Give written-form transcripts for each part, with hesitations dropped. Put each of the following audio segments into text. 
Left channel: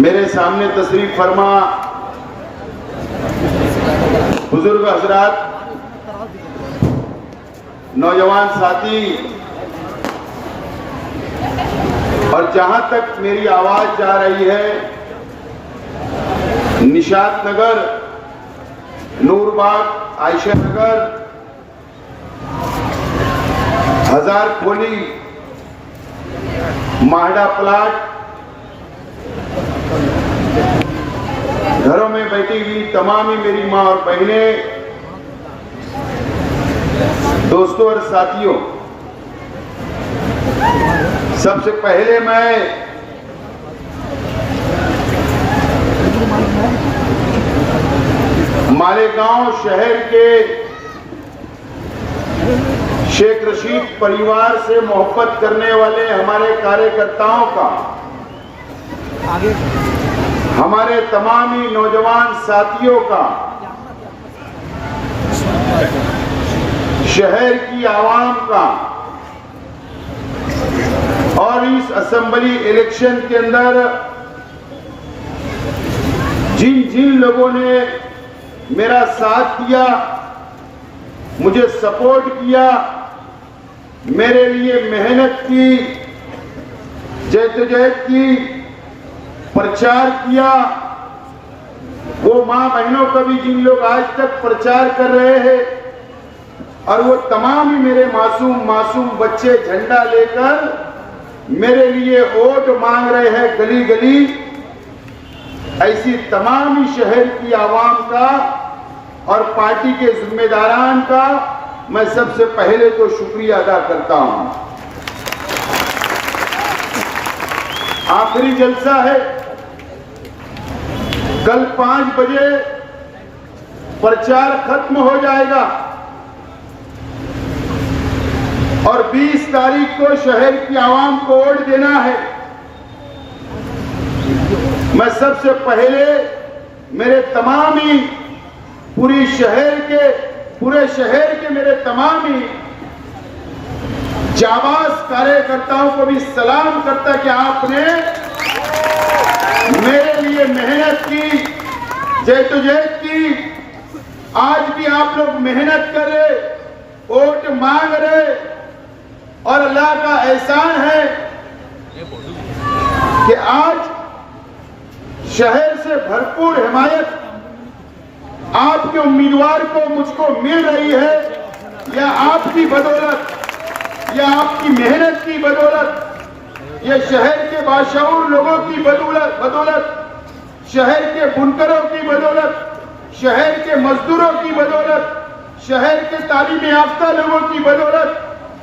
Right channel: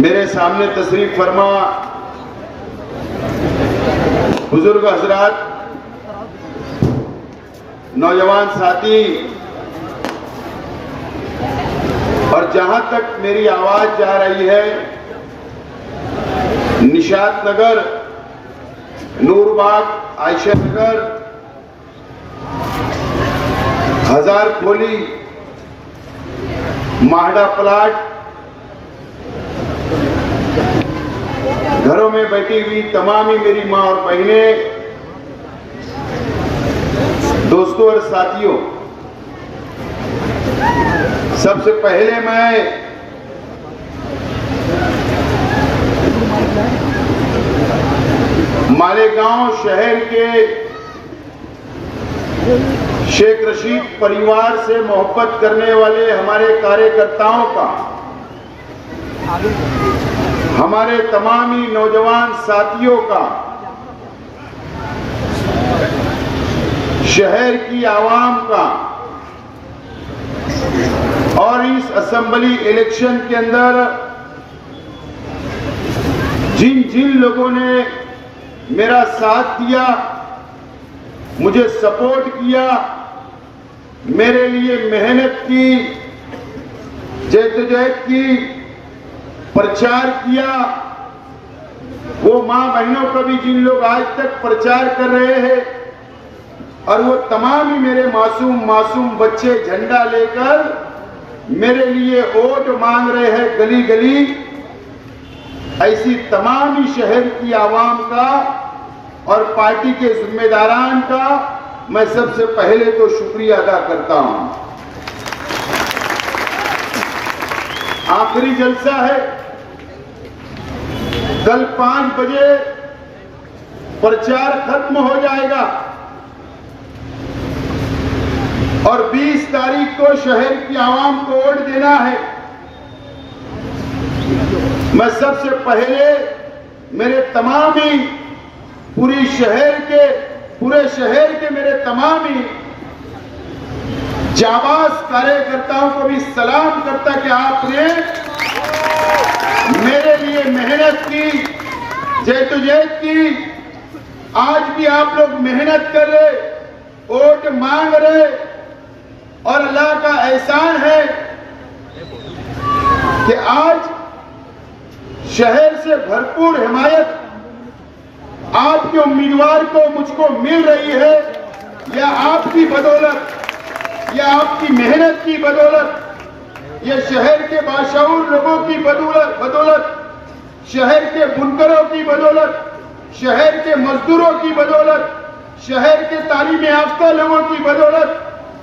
मेरे सामने तशरीफ फरमा बुजुर्ग हजरात, नौजवान साथी, और जहां तक मेरी आवाज जा रही है, निशात नगर, नूरबाग, आयशा नगर, हजार खोली, माहडा प्लाट, घरों में बैठी हुई तमाम ही मेरी मां और बहनें, दोस्तों और साथियों, सबसे पहले मैं मालेगांव शहर के शेख रशीद परिवार से मोहब्बत करने वाले हमारे कार्यकर्ताओं का, हमारे तमाम ही नौजवान साथियों का, शहर की आवाम का और इस असेंबली इलेक्शन के अंदर जिन जिन लोगों ने मेरा साथ दिया, मुझे सपोर्ट किया, मेरे लिए मेहनत की, जद्दोजहद की, प्रचार किया, वो मां बहनों का भी जिन लोग आज तक प्रचार कर रहे हैं, और वो तमाम ही मेरे मासूम बच्चे झंडा लेकर मेरे लिए वोट मांग रहे हैं गली गली, ऐसी तमाम ही शहर की आवाम का और पार्टी के जिम्मेदारान का मैं सबसे पहले तो शुक्रिया अदा करता हूं। आखिरी जलसा है, कल 5 बजे प्रचार खत्म हो जाएगा और 20 तारीख को शहर की आवाम को वोट देना है। मैं सबसे पहले मेरे तमाम ही पूरे शहर के मेरे तमाम ही जाबाज कार्यकर्ताओं को भी सलाम करता कि आपने मेरे लिए मेहनत की, जद्दोजहद की, आज भी आप लोग मेहनत कर रहे, वोट मांग रहे, और अल्लाह का एहसान है कि आज शहर से भरपूर हिमायत आपके उम्मीदवार को मुझको मिल रही है, या आपकी बदौलत, या आपकी मेहनत की बदौलत, या शहर के बाशऊर लोगों की बदौलत, शहर के बुनकरों की बदौलत, शहर के मजदूरों की बदौलत, शहर के तालीम याफ्ता लोगों की बदौलत,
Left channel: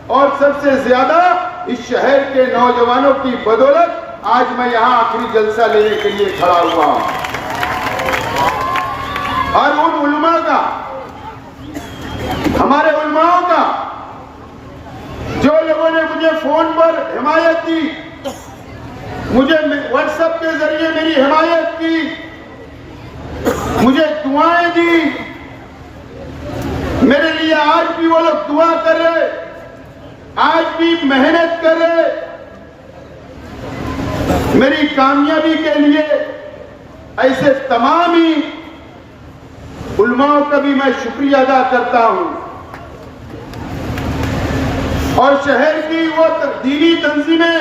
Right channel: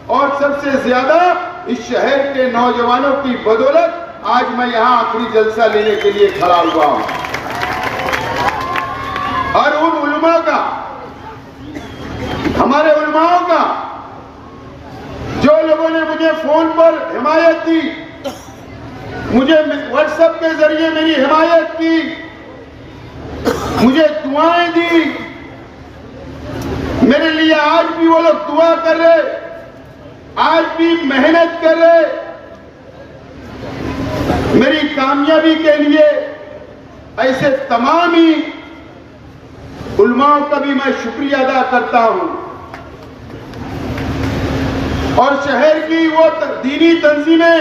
और सबसे ज्यादा इस शहर के नौजवानों की बदौलत आज मैं यहां आखिरी जलसा लेने के लिए खड़ा हुआ हूं। और उन उलमा का, हमारे उलमाओं का, जो लोगों ने मुझे फोन पर हिमायत दी, मुझे व्हाट्सएप के जरिए मेरी हिमायत की, मुझे दुआएं दी, मेरे लिए आज भी वो लोग दुआ कर रहे, आज भी मेहनत कर रहे, मेरी कामयाबी के लिए, ऐसे तमाम ही उलमाओं का भी मैं शुक्रिया अदा करता हूं। और शहर की वो दीनी तंजीमें,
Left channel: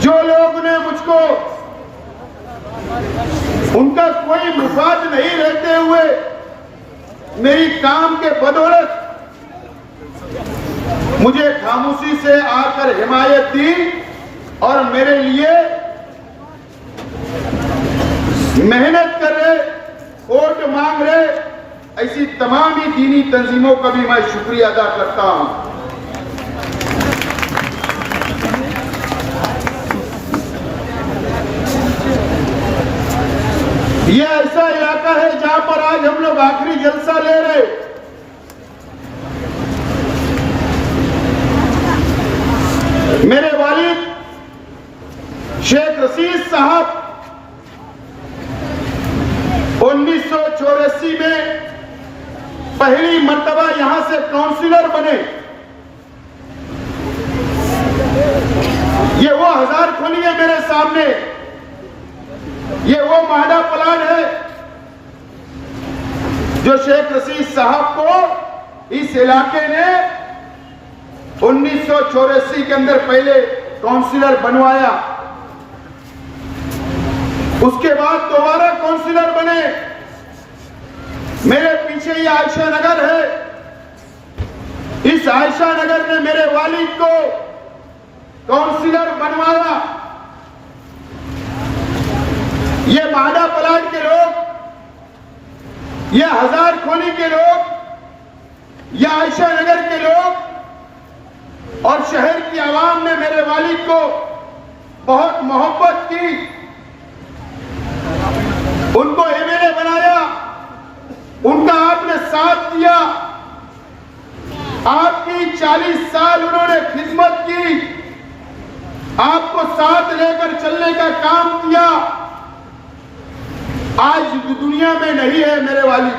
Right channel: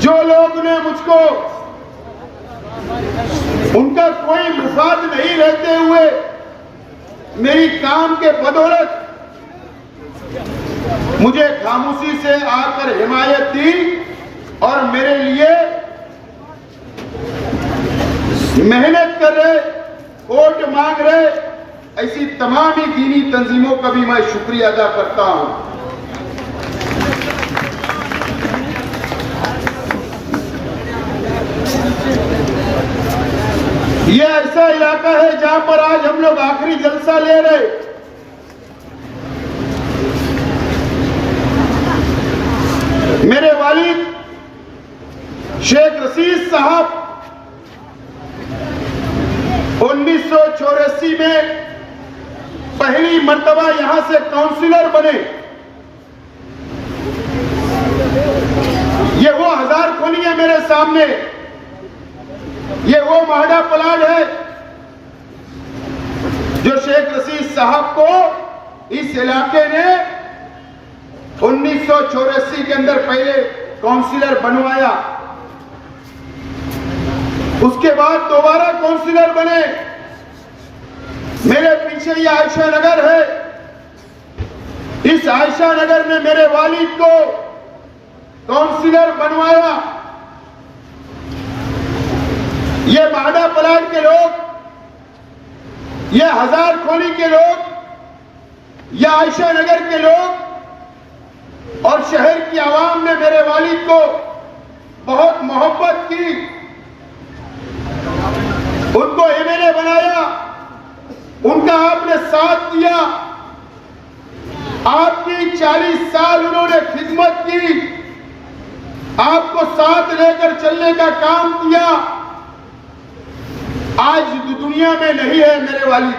जो लोग ने मुझको, उनका कोई मुफाद नहीं रहते हुए मेरी काम के बदौलत मुझे खामोशी से आकर हिमायत दी और मेरे लिए मेहनत कर रहे, वोट मांग रहे, ऐसी तमाम ही दीनी तंजीमों का भी मैं शुक्रिया अदा करता हूं। ये ऐसा इलाका है जहां पर आज हम लोग आखिरी जलसा ले रहे। मेरे वालिद शेख रशीद साहब 1984 में पहली मर्तबा यहां से काउंसिलर बने। ये वो हजार खोली है मेरे सामने ये वो माडा प्लान है जो शेख रशीद साहब को इस इलाके ने 1984 के अंदर पहले काउंसिलर बनवाया, उसके बाद दोबारा काउंसिलर बने। मेरे पीछे ये आयशा नगर है, इस आयशा नगर ने मेरे वालिद को काउंसिलर बनवाया। ये माडा प्लाट के लोग, ये हजार खोली के लोग, ये आयशा नगर के लोग और शहर की आवाम ने मेरे वालिद को बहुत मोहब्बत की, उनको एमएलए बनाया, उनका आपने साथ दिया, आपकी 40 साल उन्होंने खिदमत की, आपको साथ लेकर चलने का काम किया। आज दुनिया में नहीं है मेरे वालिद,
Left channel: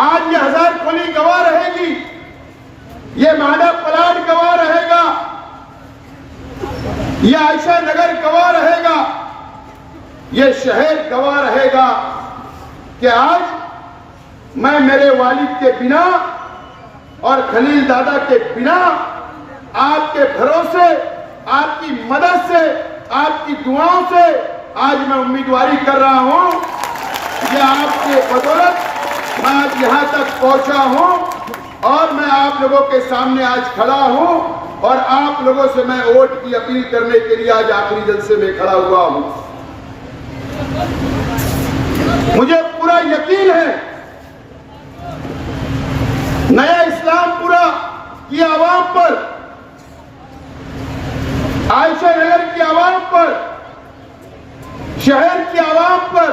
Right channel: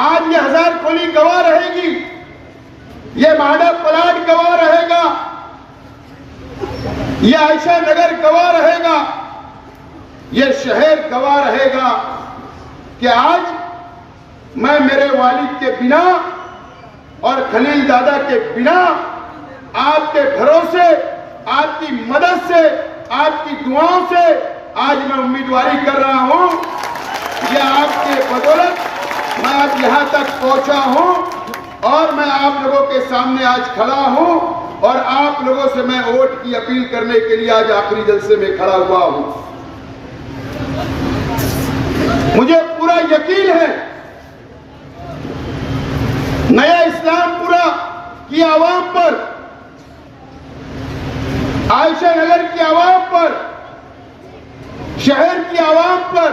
आज ये हजार खोली गवाह रहेगी, ये माडा प्लाट गवाह रहेगा, ये आयशा नगर गवाह रहेगा, ये शहर गवाह रहेगा कि आज मैं मेरे वालिद के बिना और खलील दादा के बिना आपके भरोसे, आपकी मदद से, आपकी दुआओं से आज मैं उम्मीदवारी कर रहा हूं। यह आपके बदौलत मैं आज यहां तक पहुंचा हूं और मैं आप लोगों के सामने आज खड़ा हूं और आप लोगों से मैं वोट की अपील करने के लिए आज आखिरी जलसे में खड़ा हुआ हूं। मुझे पूरा यकीन है नया इस्लामपुरा की आवाम पर, आयशा नगर की आवाम पर, शहर की आवाम पर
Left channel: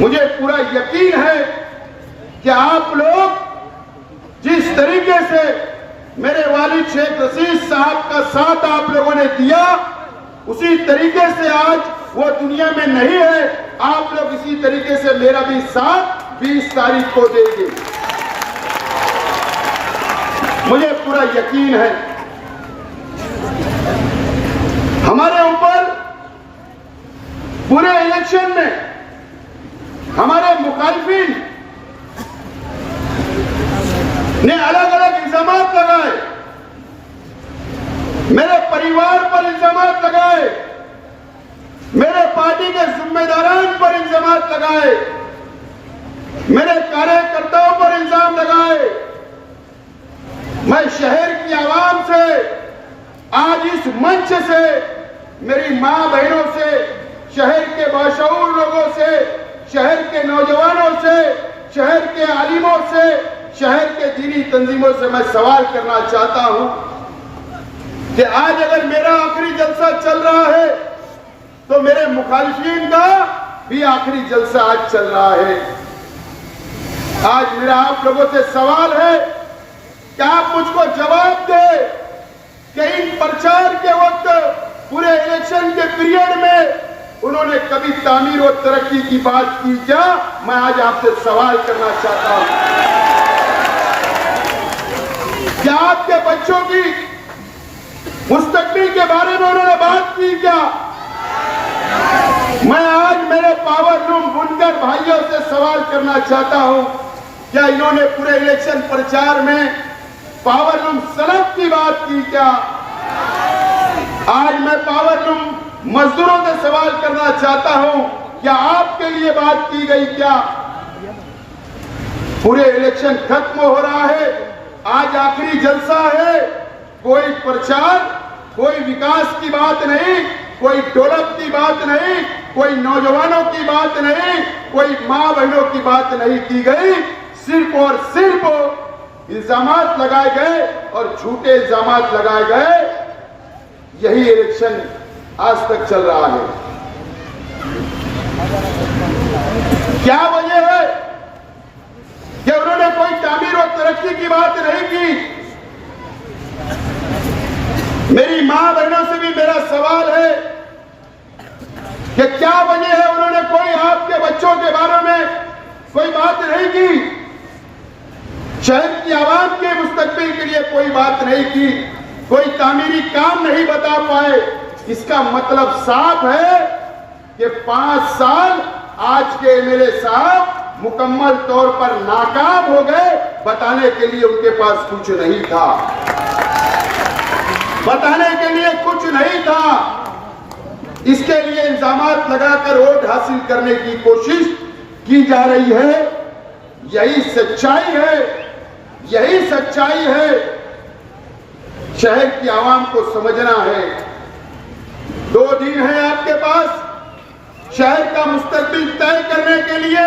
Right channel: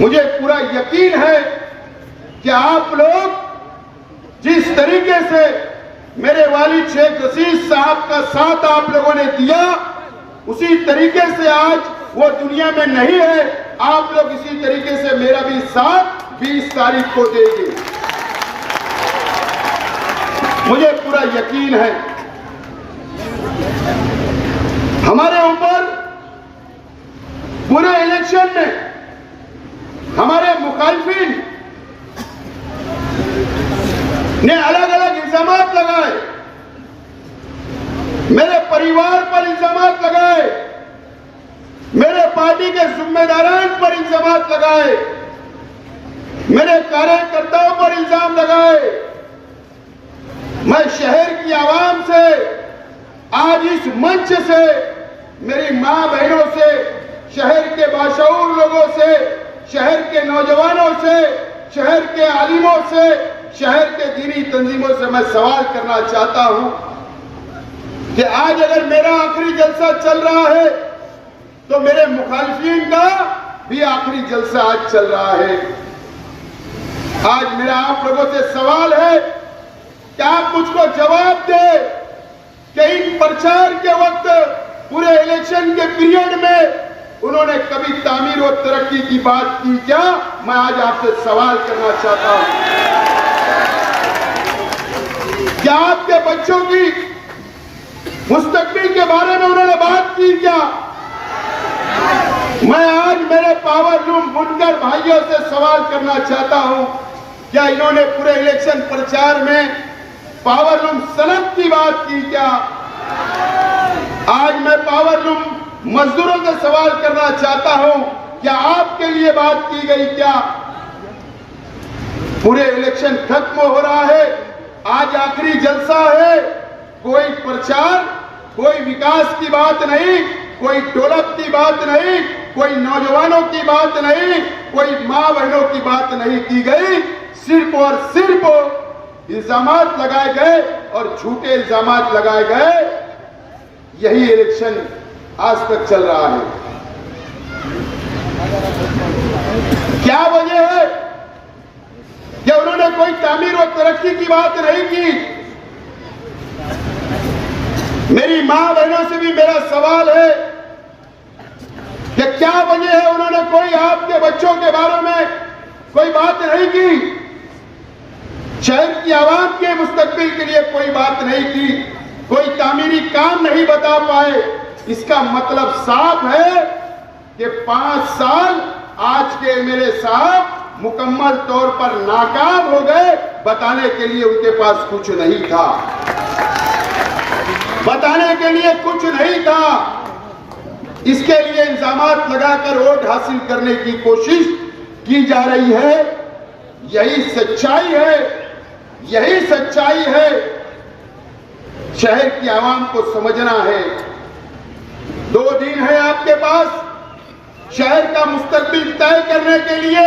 मुझे पूरा यकीन है कि आप लोग जिस तरीके से मेरे वालिद शेख रशीद साहब का साथ आप लोगों ने दिया, उसी तरीके से आज वो दुनिया में नहीं है, आप लोग इसी तरीके से मेरा भी साथ 20 तारीख को देंगे। मुझे पूरा यकीन है हमारे ऊपर पूरे इलेक्शन में हमारे मुखालिफिन ने अलग अलग इल्जाम लगाए, मेरे परिवार पर इल्जाम लगाए, मेरे पार्टी के जिम्मेदारान पर इल्जाम लगाए, मेरे कार्यकर्ताओं पर इल्जाम लगाए। मैं शहर की आवाम से आज इस मंच से, मेरी मां बहनों से, शहर के बाशऊर लोगों से, शहर के नौजवानों से, शहर के आलिमों से, शहर के दीनी तंजीमों से मैं सवाल करना चाहता हूं कि आज अगर मेरा आखिरी जलसा चल रहा है तो मेरे मुखालिफिन का भी आखिरी जलसा आज चल रहा है। आज मेरा आप लोगों से सवाल है कि आप मुझको जवाब दे कि इन प्रचार के वक्त पूरे इलेक्शन के पीरियड में उन्होंने कभी तामीर और तरक्की की बात की क्या? मैं आज आपसे सवाल करना चाहता हूं। क्या आपके बच्चों की मुस्तकबिल के बारे में उन्होंने बात की क्या? मैं आज मेरे पावर लूम बुनकर भाइयों से सवाल करना चाहता हूं, क्या इन्होंने पूरे इलेक्शन प्रचार में पावर लूम सनद की बात की क्या? आज मैं पावर लूम मजदूरों से सवाल करना चाहता हूं, क्या आपके लिए बात की गई क्या? पूरे इलेक्शन खत्म हो रहा है, आज आखिरी जलसा है, कोई प्रचार, कोई विकास की बात नहीं, कोई डेवलप की बात नहीं, कोई नौजवानों की बात नहीं, कोई मां बहनों की बात नहीं की गई। सिर्फ और सिर्फ इल्जामात लगाए गए और झूठे इल्जामात लगाए गए। यही इलेक्शन आज तक चल रहा है। क्या वजह है कि उन्होंने कोई तामीर और तरक्की की बात नहीं की? मेरी मां बहनों से भी मेरा सवाल है कि क्या वजह है उन्होंने कोई आपके बच्चों के बारे में कोई बात नहीं की? शहर की आवाम के मुस्तकबिल के लिए कोई बात नहीं की, कोई तामीरी काम नहीं बता पाए, इसका मतलब साफ है कि 5 साल आज के एमएलए साहब मुकम्मल तौर पर नाकाम हो गए। बताने के लिए उनके पास कुछ नहीं था, बताने के लिए कुछ नहीं था। इसके लिए इल्जामात लगाकर वोट हासिल करने की कोशिश की जा रही है। यही सच्चाई है, यही सच्चाई है। शहर की आवाम को समझना है। 2 दिन है आपके पास शहर का मुस्तकबिल तय करने के लिए।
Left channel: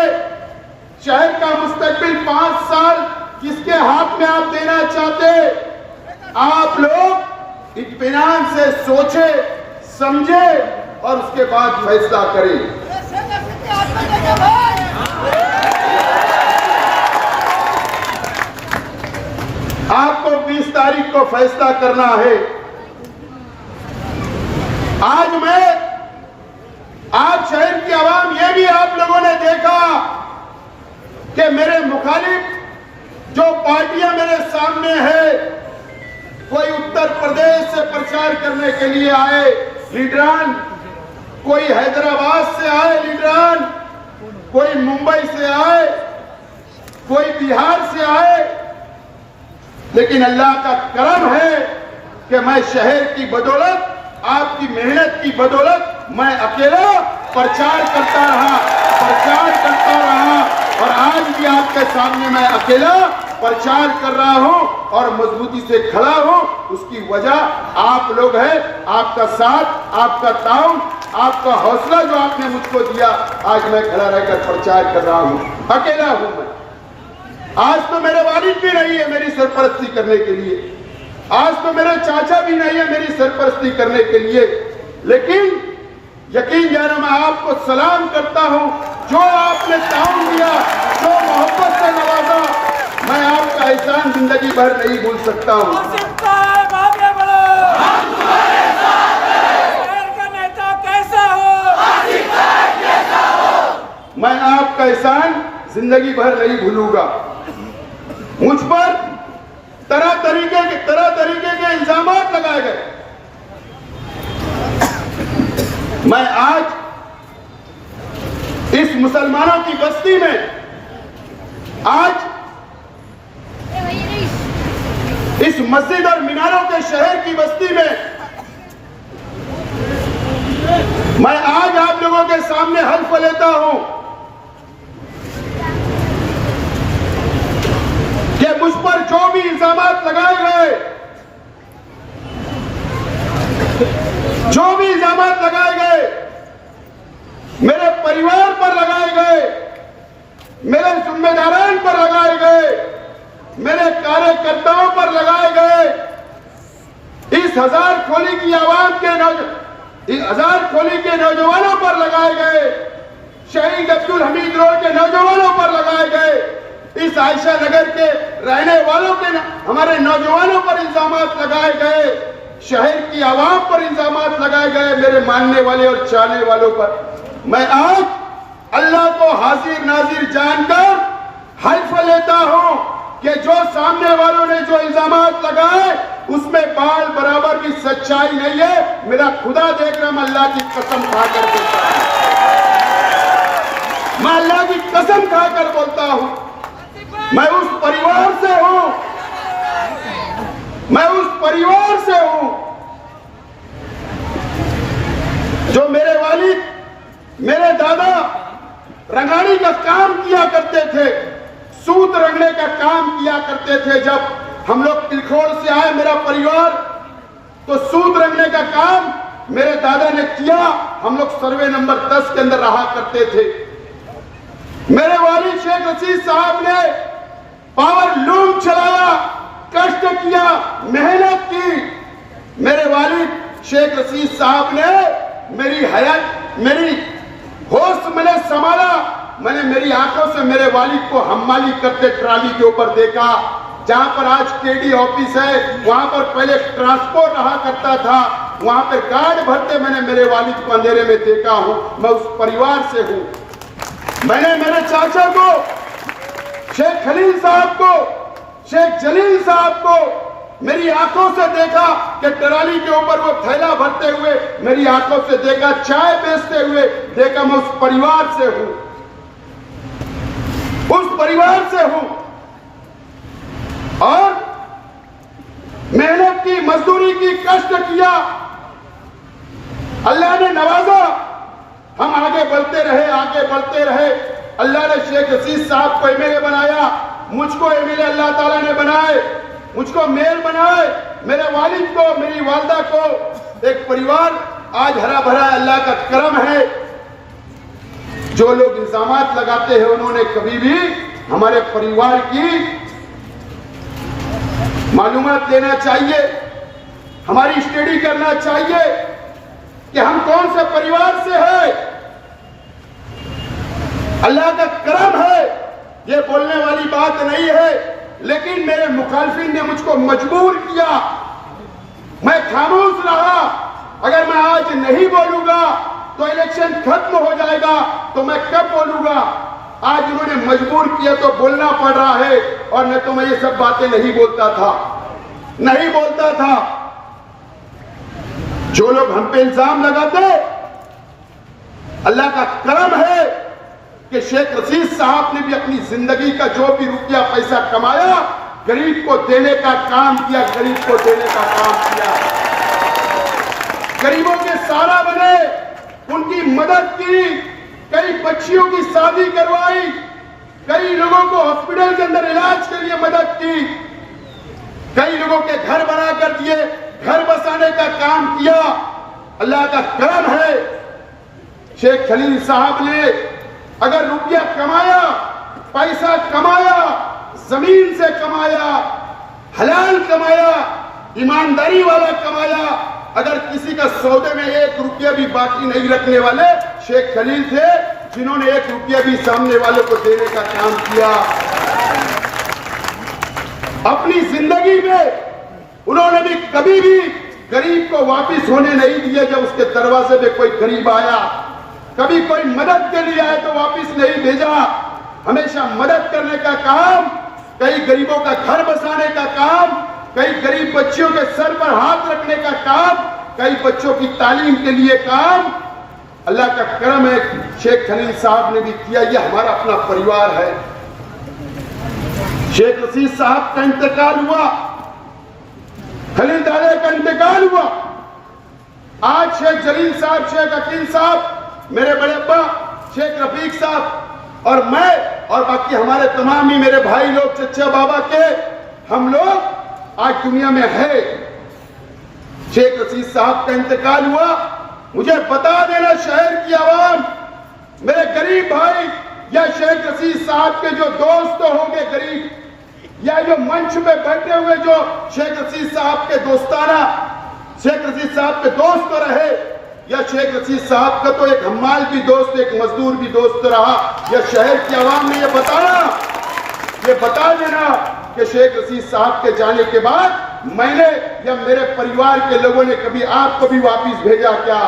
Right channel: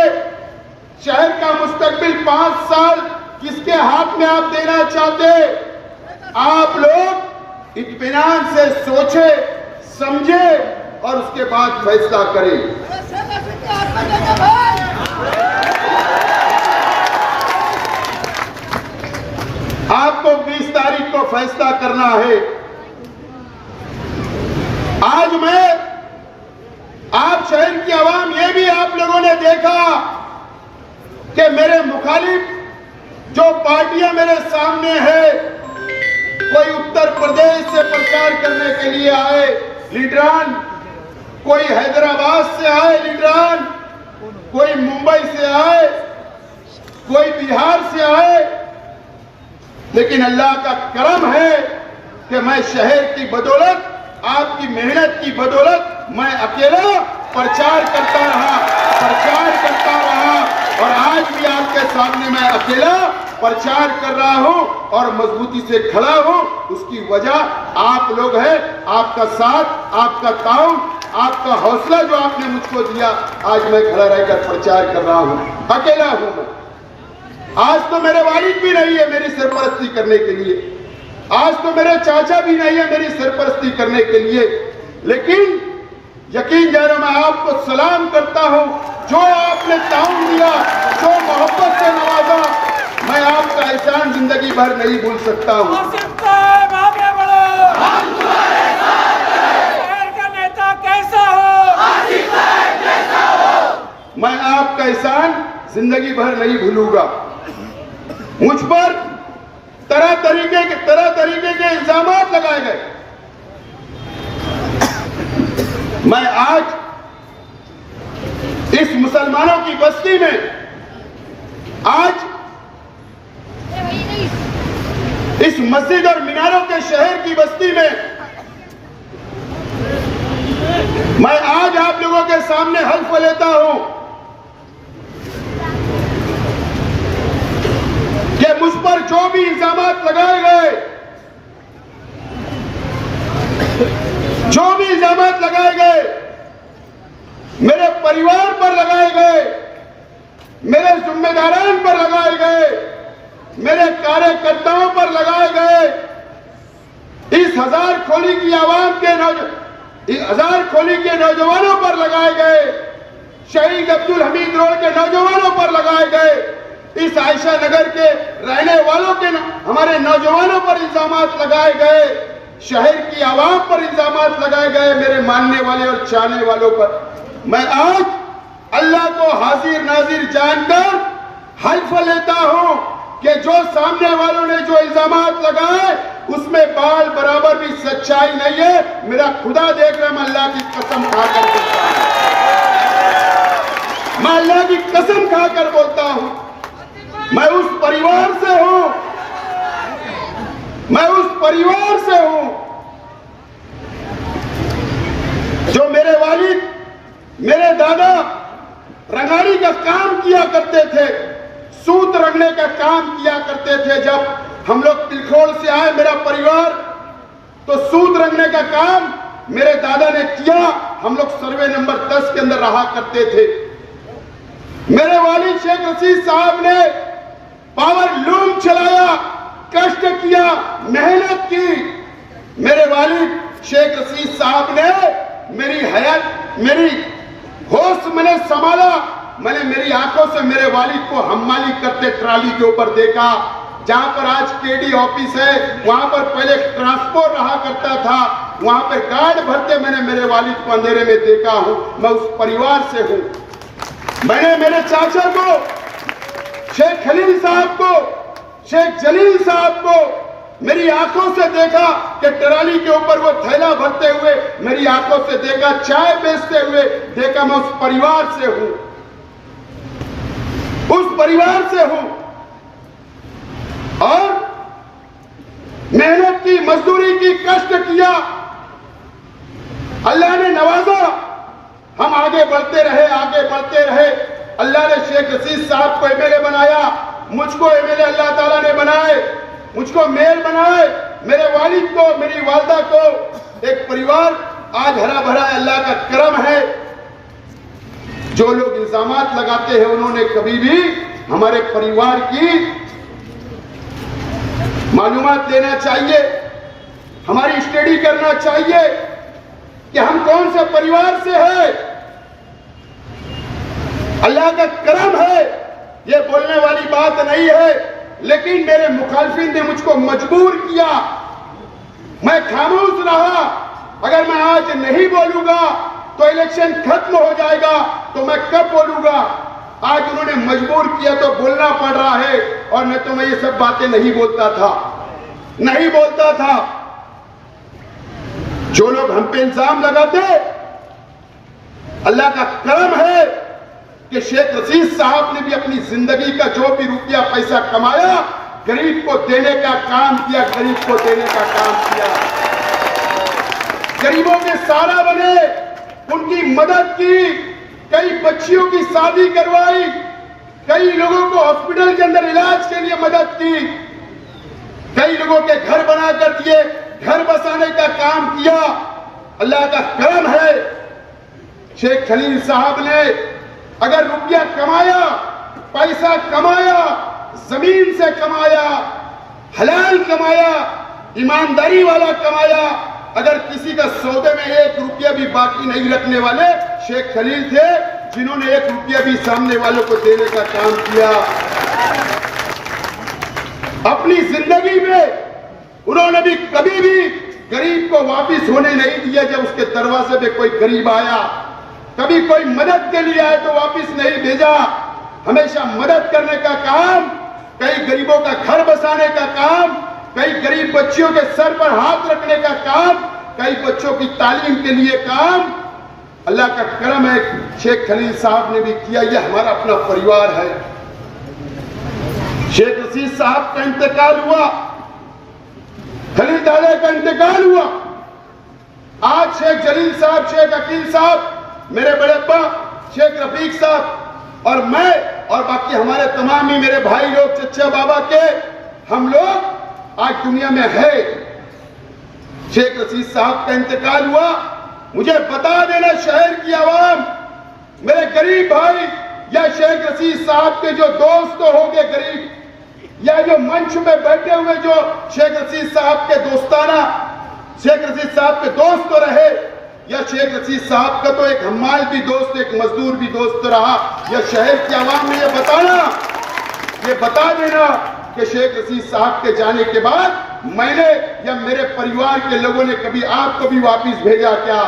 शहर का मुस्तकबिल 5 साल किसके हाथ में आप देना चाहते? आप लोग इत्मीनान से सोचे, समझे और उसके बाद फैसला करें। आपको 20 तारीख को फैसला करना है। आज आप शहर की आवाम, ये भी आप लोगों ने देखा कि मेरे मुखालिफ जो पार्टियां मेरे सामने है, कोई उत्तर प्रदेश से प्रचार करने के लिए आए लीडरान, कोई हैदराबाद से आए लीडरान, कोई मुंबई से आए, कोई बिहार से आए, लेकिन अल्लाह का करम है कि मैं शहर की बदौलत, आपकी मेहनत की बदौलत मैं अकेला प्रचार करता रहा और आज भी आपके सामने मैं अकेला प्रचार कर रहा हूं और मजबूती से खड़ा हूं। उसकी वजह आप लोग हैं, आपका साथ, आपका ताउन, आपका हौसला जो आपने मुझको दिया, आज मैं खड़ा रहकर प्रचार कर रहा हूं। अकेला हूं मैं। आज तो मेरे वालिद भी नहीं है मेरी सरपरस्ती करने के लिए, आज तो मेरे चाचा भी नहीं है मेरी सरपरस्ती करने के लिए, लेकिन यकीन जानो मैं आपको सलाम करता हूं। जो आपने ताउन दिया, जो मोहब्बत से नवाजा, मैं आपका एहसान जिंदगी भर नहीं भूल सकता हूं। मैं आपका एहसान जिंदगी भर नहीं भूलूंगा। मुझ पर तरह तरीके के इल्जामात लगाए गए। मैं आज इस मुसलमानों की बस्ती में, आज इस मस्जिद और मीनारों के शहर की बस्ती में, मैं आज आप लोगों के सामने हल्फ लेता हूं कि मुझ पर जो भी इल्जामात लगाए गए, जो भी इल्जामात लगाए गए, मेरे परिवार पर लगाए गए, मेरे जिम्मेदारान पर लगाए गए, मेरे कार्यकर्ताओं पर लगाए गए, इस हजार खोली की आवाम के नौजवानों पर लगाए गए, शहीद अब्दुल हमीद रोड के नौजवानों पर लगाए गए, इस आयशा नगर के रहने वालों के हमारे नौजवानों पर इल्जामात लगाए गए, शहर की आवाम पर इल्जामात लगाए गए, मेरे मानने वाले और चाहने वालों पर। मैं आज अल्लाह को हाजिर नाजिर जानकर हल्फ लेता हूं कि जो सामने वालों ने जो इल्जामात लगाए उसमें बाल बराबर भी सच्चाई नहीं है। मेरा खुदा देख रहा, मैं अल्लाह की कसम खाकर बोलता हूं, मैं अल्लाह की कसम खाकर बोलता हूं। मैं उस परिवार से हूं, मैं उस परिवार से हूं जो मेरे वालिद, मेरे दादा रंगारी का काम किया करते थे, सूत रंगने का काम किया करते थे। जब हम लोग तिलखोड़ से आए मेरा परिवार, तो सूत रंगने का काम मेरे दादा ने किया। हम लोग सर्वे नंबर 10 के अंदर रहा करते थे। मेरे वालिद शेख रशीद साहब ने पावर लूम चलाया, कष्ट किया, मेहनत की। मेरे वालिद शेख रशीद साहब ने मेरी हयात, मेरी होश मैंने संभाला। मैंने मेरी आंखों से मेरे वालिद को हम्माली करते ट्राली के ऊपर देखा। जहां पर आज केडी ऑफिस है, वहां पर पहले ट्रांसपोर्ट रहा करता था, वहां पर गार्ड भरते मैंने मेरे वालिद को अंधेरे में देखा हूं। मैं उस परिवार से हूं। मैंने मेरे चाचा को, शेख खलील साहब को, शेख जलील साहब को, मेरी आंखों से देखा कि ट्राली के ऊपर वो थैला भरते हुए, मेरी आंखों से देखा चाय बेचते हुए, देखा मैं उस परिवार से हूं, उस परिवार से हूं। और मेहनत की, मजदूरी की, कष्ट किया, अल्लाह ने नवाजा, हम आगे बढ़ते रहे, आगे बढ़ते रहे। अल्लाह ने शेख रशीद साहब को एमएलए बनाया, मुझको एमएलए अल्लाह ताला ने बनाए, मुझको मेयर बनाए, मेरे वालिद को, मेरी वालदा को एक परिवार आज हरा भरा अल्लाह का करम है। जो लोग इल्जामात लगाते हैं उन्होंने कभी भी हमारे परिवार की मालूमात लेना चाहिए, हमारी स्टडी करना चाहिए कि हम कौन से परिवार से हैं। अल्लाह का करम है, ये बोलने वाली बात नहीं है, लेकिन मेरे मुखालफिन ने मुझको मजबूर किया, मैं खामोश रहा। अगर मैं आज नहीं बोलूंगा तो इलेक्शन खत्म हो जाएगा, तो मैं कब बोलूंगा। आज उन्होंने मजबूर किया तो बोलना पड़ रहा है, और न तो मैं ये सब बातें नहीं बोलता था, नहीं बोलता था। जो लोग हम पे इल्जाम लगाते, अल्लाह का करम है कि शेख रशीद साहब ने भी अपनी जिंदगी का जो भी रुपया पैसा कमाया, गरीब को देने का काम किया, गरीब को देने का काम किया, गरीबों के सहारा बने, उनकी मदद की, कई बच्चियों की शादी करवाई, कई लोगों को हॉस्पिटल के अंदर इलाज के लिए मदद की, कई लोगों के घर बना कर दिए, घर बसाने का काम किया। अल्लाह का करम है। शेख खलील साहब ने अगर रुपया कमाया, पैसा कमाया, जमीन से कमाया, हलाल कमाया, ईमानदारी वाला कमाया, अगर किसी का सौदे में एक रुपया भी बाकी नहीं रखने वाले शेख खलील थे, जिन्होंने एक रुपया भी सामने वालों को देने का काम किया। अपनी जिंदगी में उन्होंने भी कभी भी गरीब को वापिस होने नहीं दिया। जब उसके दरवाजे में कोई गरीब आया, कभी कोई मदद के लिए आया तो वापिस नहीं भेजा, हमेशा मदद करने का काम, कई गरीबों का घर बसाने का काम, कई गरीब बच्चियों के सर पर हाथ रखने का काम, कई बच्चों की तालीम के लिए काम। अल्लाह का करम है, शेख खलील साहब ने भी किया। यह हमारा अपना परिवार है। शेख रशीद साहब का इंतकाल हुआ, खलील दादा का इंतकाल हुआ, आज शेख जलील साहब, शेख अकील साहब, मेरे बड़े अब्बा शेख रफीक साहब और मैं और बाकी हमारे तमाम ही मेरे भाई लोग, चचा बाबा के, हम लोग आज दुनिया में है। शेख रशीद साहब का इंतकाल हुआ, मुझे बता देना शहर की आवाम, मेरे गरीब भाई, या शेख रशीद साहब के जो दोस्त होंगे गरीब, या जो मंच में बैठे हुए जो शेख रशीद साहब के दोस्ताना, शेख रशीद साहब के दोस्त रहे, या शेख रशीद साहब का तो एक हम्माल भी दोस्त, एक मजदूर भी दोस्त रहा, या शहर की आवाम ने ये बता देना कि शेख रशीद साहब के जाने के बाद मैंने या मेरे परिवार के लोगों ने कभी आपको भी वापिस भेजा क्या?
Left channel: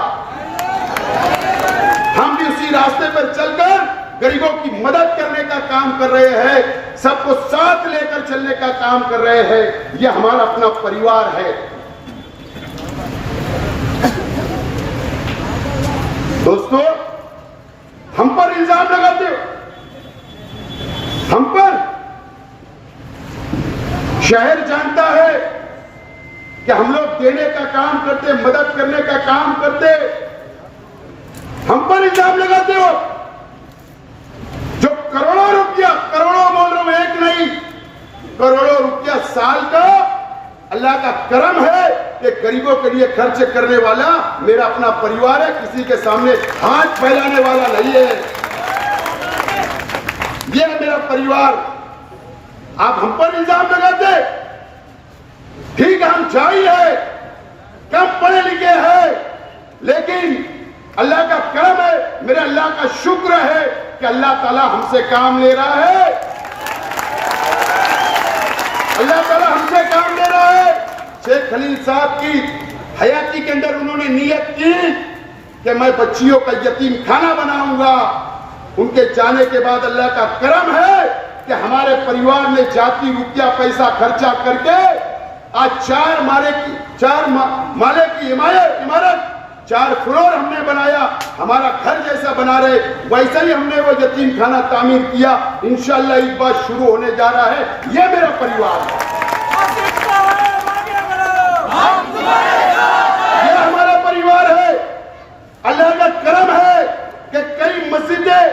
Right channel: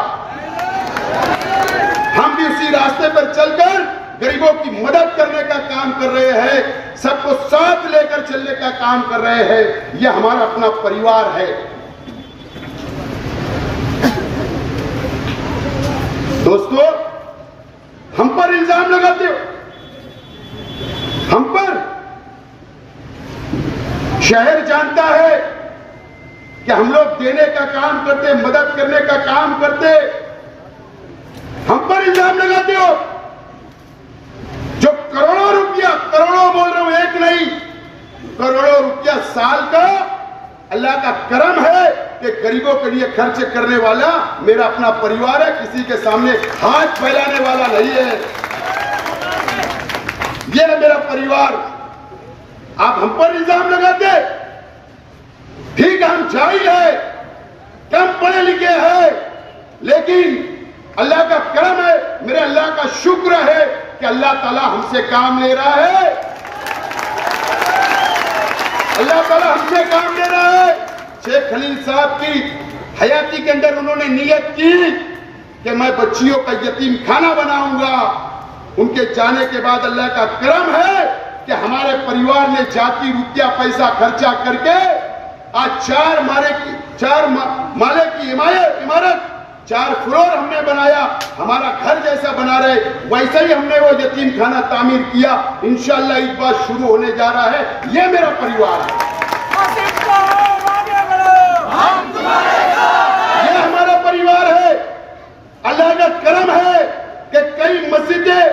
हम भी उसी रास्ते पर चलकर गरीबों की मदद करने का काम कर रहे हैं, सबको साथ लेकर चलने का काम कर रहे हैं। यह हमारा अपना परिवार है। दोस्तों, हम पर इल्जाम लगाते हो, हम पर शहर जानता है कि हम लोग देने का काम करते, मदद करने का काम करते, हम पर इल्जाम लगाते हो। जो करोड़ों रुपया, करोड़ों बोल रहा हूं, एक नहीं, करोड़ों रुपया साल का अल्लाह का करम है कि गरीबों के लिए खर्च करने वाला मेरा अपना परिवार है, किसी के सामने हाथ फैलाने वाला नहीं है। यह है मेरा परिवार। आप हम पर इल्जाम लगाते, ठीक है, हम जाहिल है, कम पढ़े लिखे हैं, लेकिन अल्लाह का करम है, मेरे अल्लाह का शुक्र है कि अल्लाह ताला हमसे काम ले रहा है, अल्लाह ताला हमसे काम ले रहा है। शेख खलील साहब की हयाती के अंदर उन्होंने नियत की कि मैं बच्चियों का यतीम खाना बनाऊंगा। उनके जाने के बाद अल्लाह का करम है कि हमारे परिवार ने जाती रुपया पैसा खर्चा करके आज 4 माले की इमारत 4 फ्लोर हमने बनाया, हमारा घर जैसा बना रहे वैसा ही हमने वो यतीम खाना तामीर किया। इंशाअल्लाह इस बार शुरू होने जा रहा है। ये मेरा परिवार है, ये हमारा परिवार है। अल्लाह का करम है कि कई मस्जिदें,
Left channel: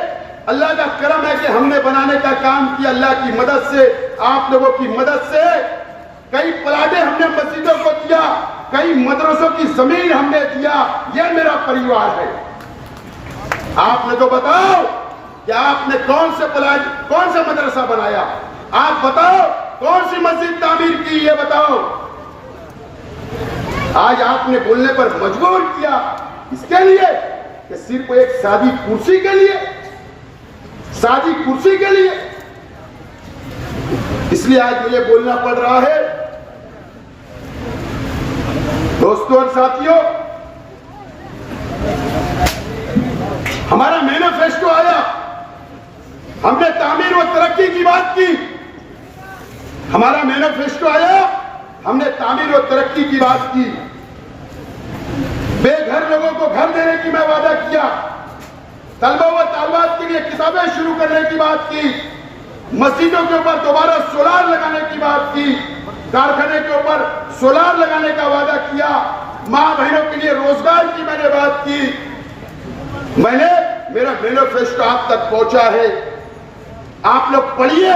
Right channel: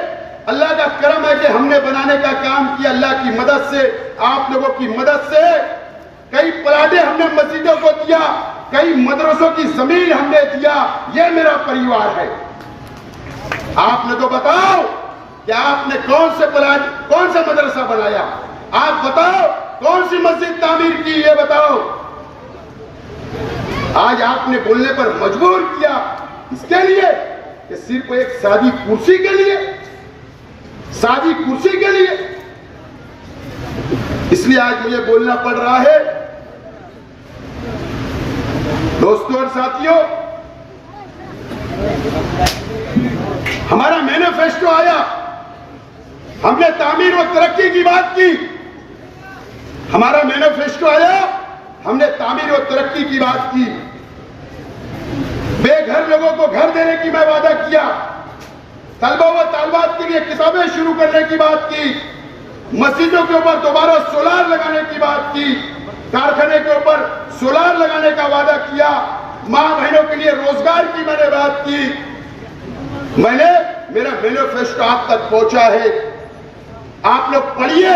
अल्लाह का करम है कि हमने बनाने का काम किया। अल्लाह की मदद से, आप लोगों की मदद से कई प्लाटे हमने मस्जिदों को दिया, कई मदरसों की जमीन हमने दिया। ये मेरा परिवार है। आपने तो बताओ कि आपने कौन से प्लाट, कौन सा मदरसा बनाया? आप बताओ कौन सी मस्जिद तामीर की? ये बताओ। आज आपने बोलने पर मजबूर किया, इसके लिए कि सिर्फ एक सादी कुर्सी के लिए, सादी कुर्सी के लिए। इसलिए आज मुझे बोलना पड़ रहा है। दोस्तों और साथियों, हमारा मैनिफेस्टो आया, हमने तामीर और तरक्की की बात की। हमारा मैनिफेस्टो आया, हमने तामीर और तरक्की की बात की। बेघर लोगों को घर देने की मैं वादा किया। तलबा व तालबात के लिए किताबें शुरू करने की बात की। मस्जिदों के ऊपर दोबारा सोलार लगाने की बात की। कारखाने के ऊपर सोलार लगाने का वादा किया। मां बहनों के लिए रोजगार की मैंने बात की। मेरा मैनिफेस्टो आप तक पहुंचा है। आप लोग पढ़िए।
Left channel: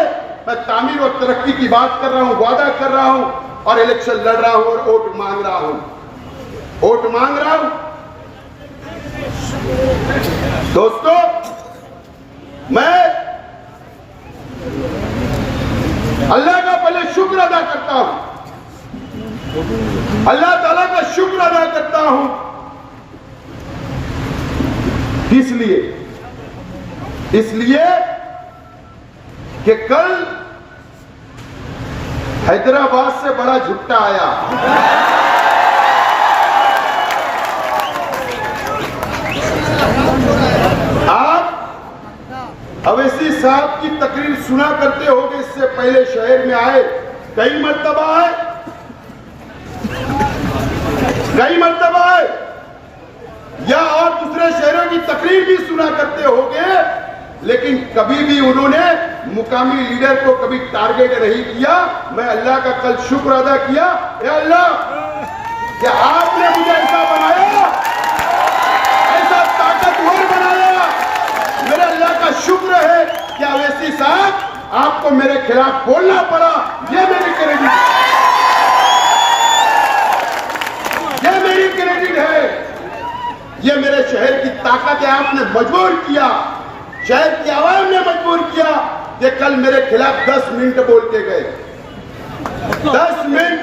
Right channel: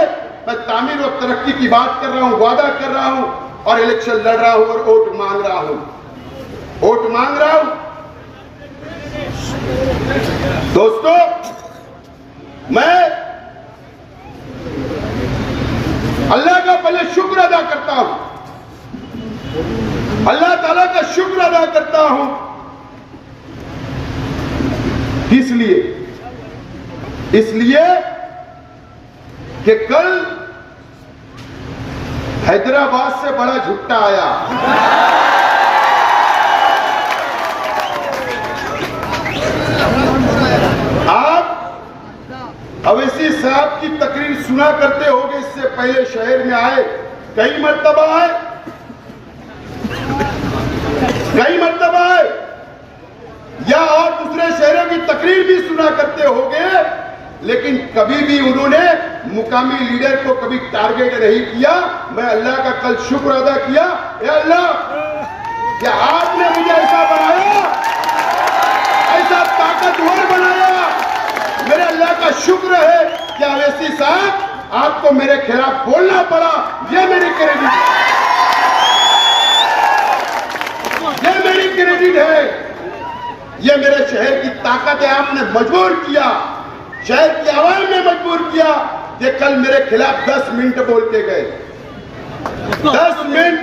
मैं तामीर और तरक्की की बात कर रहा हूं, वादा कर रहा हूं और इलेक्शन लड़ रहा हूं और वोट मांग रहा हूं, वोट मांग रहा हूं। दोस्तों, मैं अल्लाह का पहले शुक्र अदा करता हूं, अल्लाह ताला का शुक्र अदा करता हूं। इसलिए कि कल हैदराबाद से बड़ा झुट्टा आया। आप अवैसी साहब की तकरीर सुना करते होंगे, इससे पहले शहर में आए, कई मर्तबा आए, या और दूसरे शहरों की तकरीर भी सुना करते होंगे, लेकिन कभी भी उन्होंने मुकामी लीडर को कभी टारगेट नहीं किया। मैं अल्लाह का कल शुक्र अदा किया, या अल्लाह कि आपने मुझे ऐसा बनाया, ऐसा ताकतवर बनाया। मेरे अल्लाह का शुक्र है कि अवैसी साहब आपको मेरे खिलाफ बोलना पड़ा। ये मेरी क्रेडिट, ये मेरी क्रेडिट है। ये मेरे शहर की ताकत है। आपने मजबूर किया, शहर की आवाम ने मजबूर किया कि कल मेरे खिलाफ 10 मिनट बोलते गए। 10 मिनट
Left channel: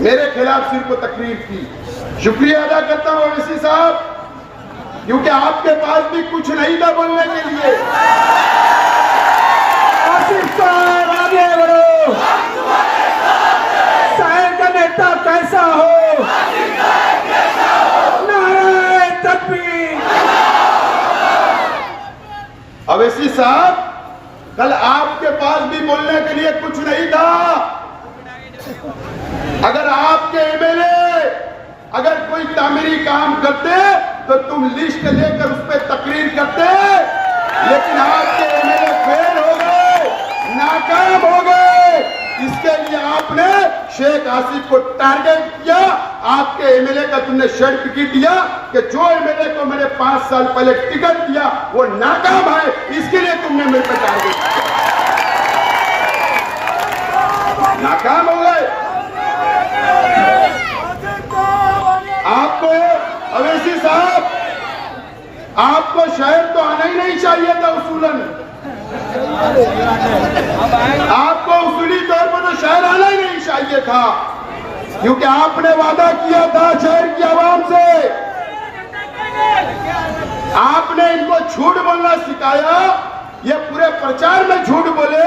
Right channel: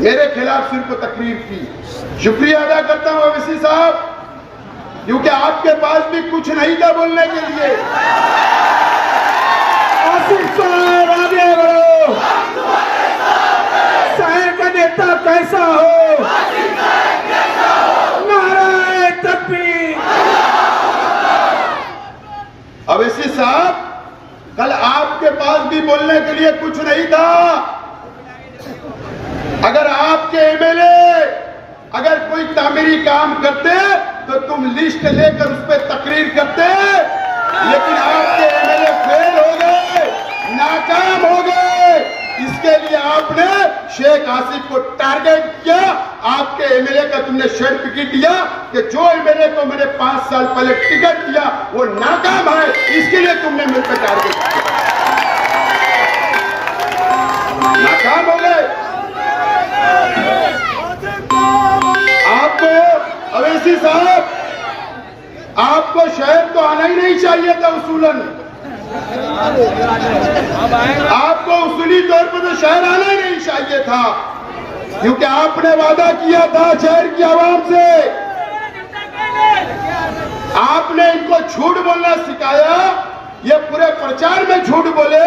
मेरे खिलाफ सिर्फ तकरीर की। शुक्रिया अदा करता हूं अवैसी साहब, क्योंकि आपके पास भी कुछ नहीं था बोलने के लिए। आसिफ साहब आगे बढ़ो। शहर का नेता कैसा हो, नारे तकबीर। अवैसी साहब, कल आपके पास भी बोलने के लिए कुछ नहीं था। अगर आपके एमएलए अगर कोई तामीरी काम करते तो तुम लिस्ट लेकर उस पर तकरीर करते, लेकिन आपके एमएलए फेल हो गए, नाकाम हो गए। इसके लिए आपने शेख आसिफ को टारगेट किया। आपके एमएलए का तुमने सर्टिफिकेट दिया कि जो एमएलए को मैंने 5 साल पहले टिकट दिया वो नाकाम है, इसके लिए तुमने मेरे पर टारगेट किया। नाकाम हो गए। आपको अवैसी साहब, आपको शहर तो आना ही नहीं चाहिए था उसूलन। आपको उसूली तौर पर तो शहर आना ही नहीं चाहिए था, क्योंकि आपने वादा किया था शहर की आवाम से। आपने इनको झूठ बोलना सिखाया। ये पूरे प्रचार में झूठ बोले।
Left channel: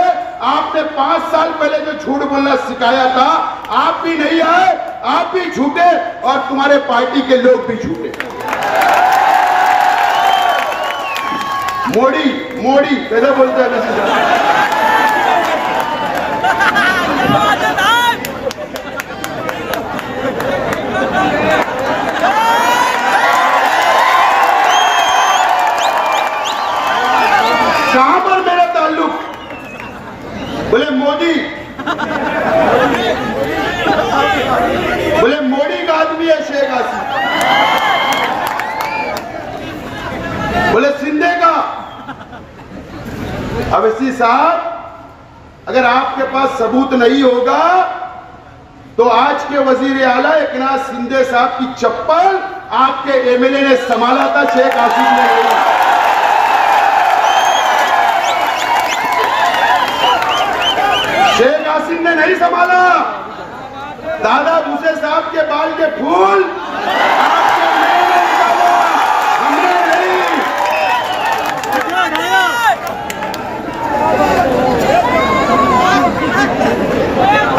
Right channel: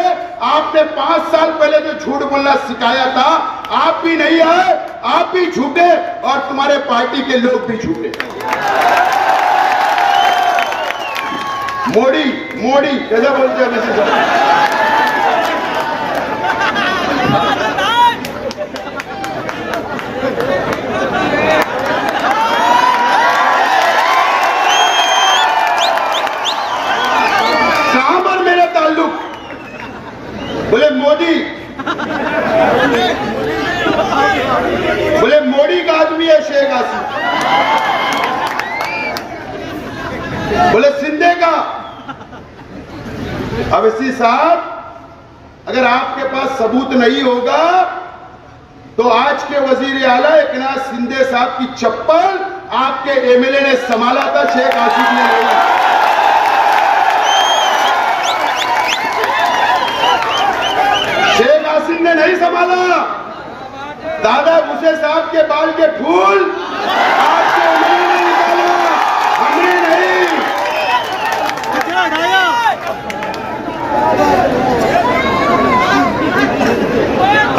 आपने 5 साल पहले जो झूठ बोलना सिखाया था, आप भी नहीं आए, आप भी झूठे और तुम्हारे पार्टी के लोग भी झूठे। मोदी कैसे बोलते हैं? बोले मोदी का आदमी है शेख आसिफ, बोले शिंदे का। अवैसी साहब, अगर आपके पास सबूत नहीं होगा तो आज के वजीर आला एकनाथ शिंदे साहब की चप्पल आपके एमएलए ने संभाला था, शेख आसिफ ने नहीं। शेख आसिफ ने नहीं संभाला। दादा भूसे साहब के बाल के फूल आपके एमएलए ने निकाला, हमने नहीं।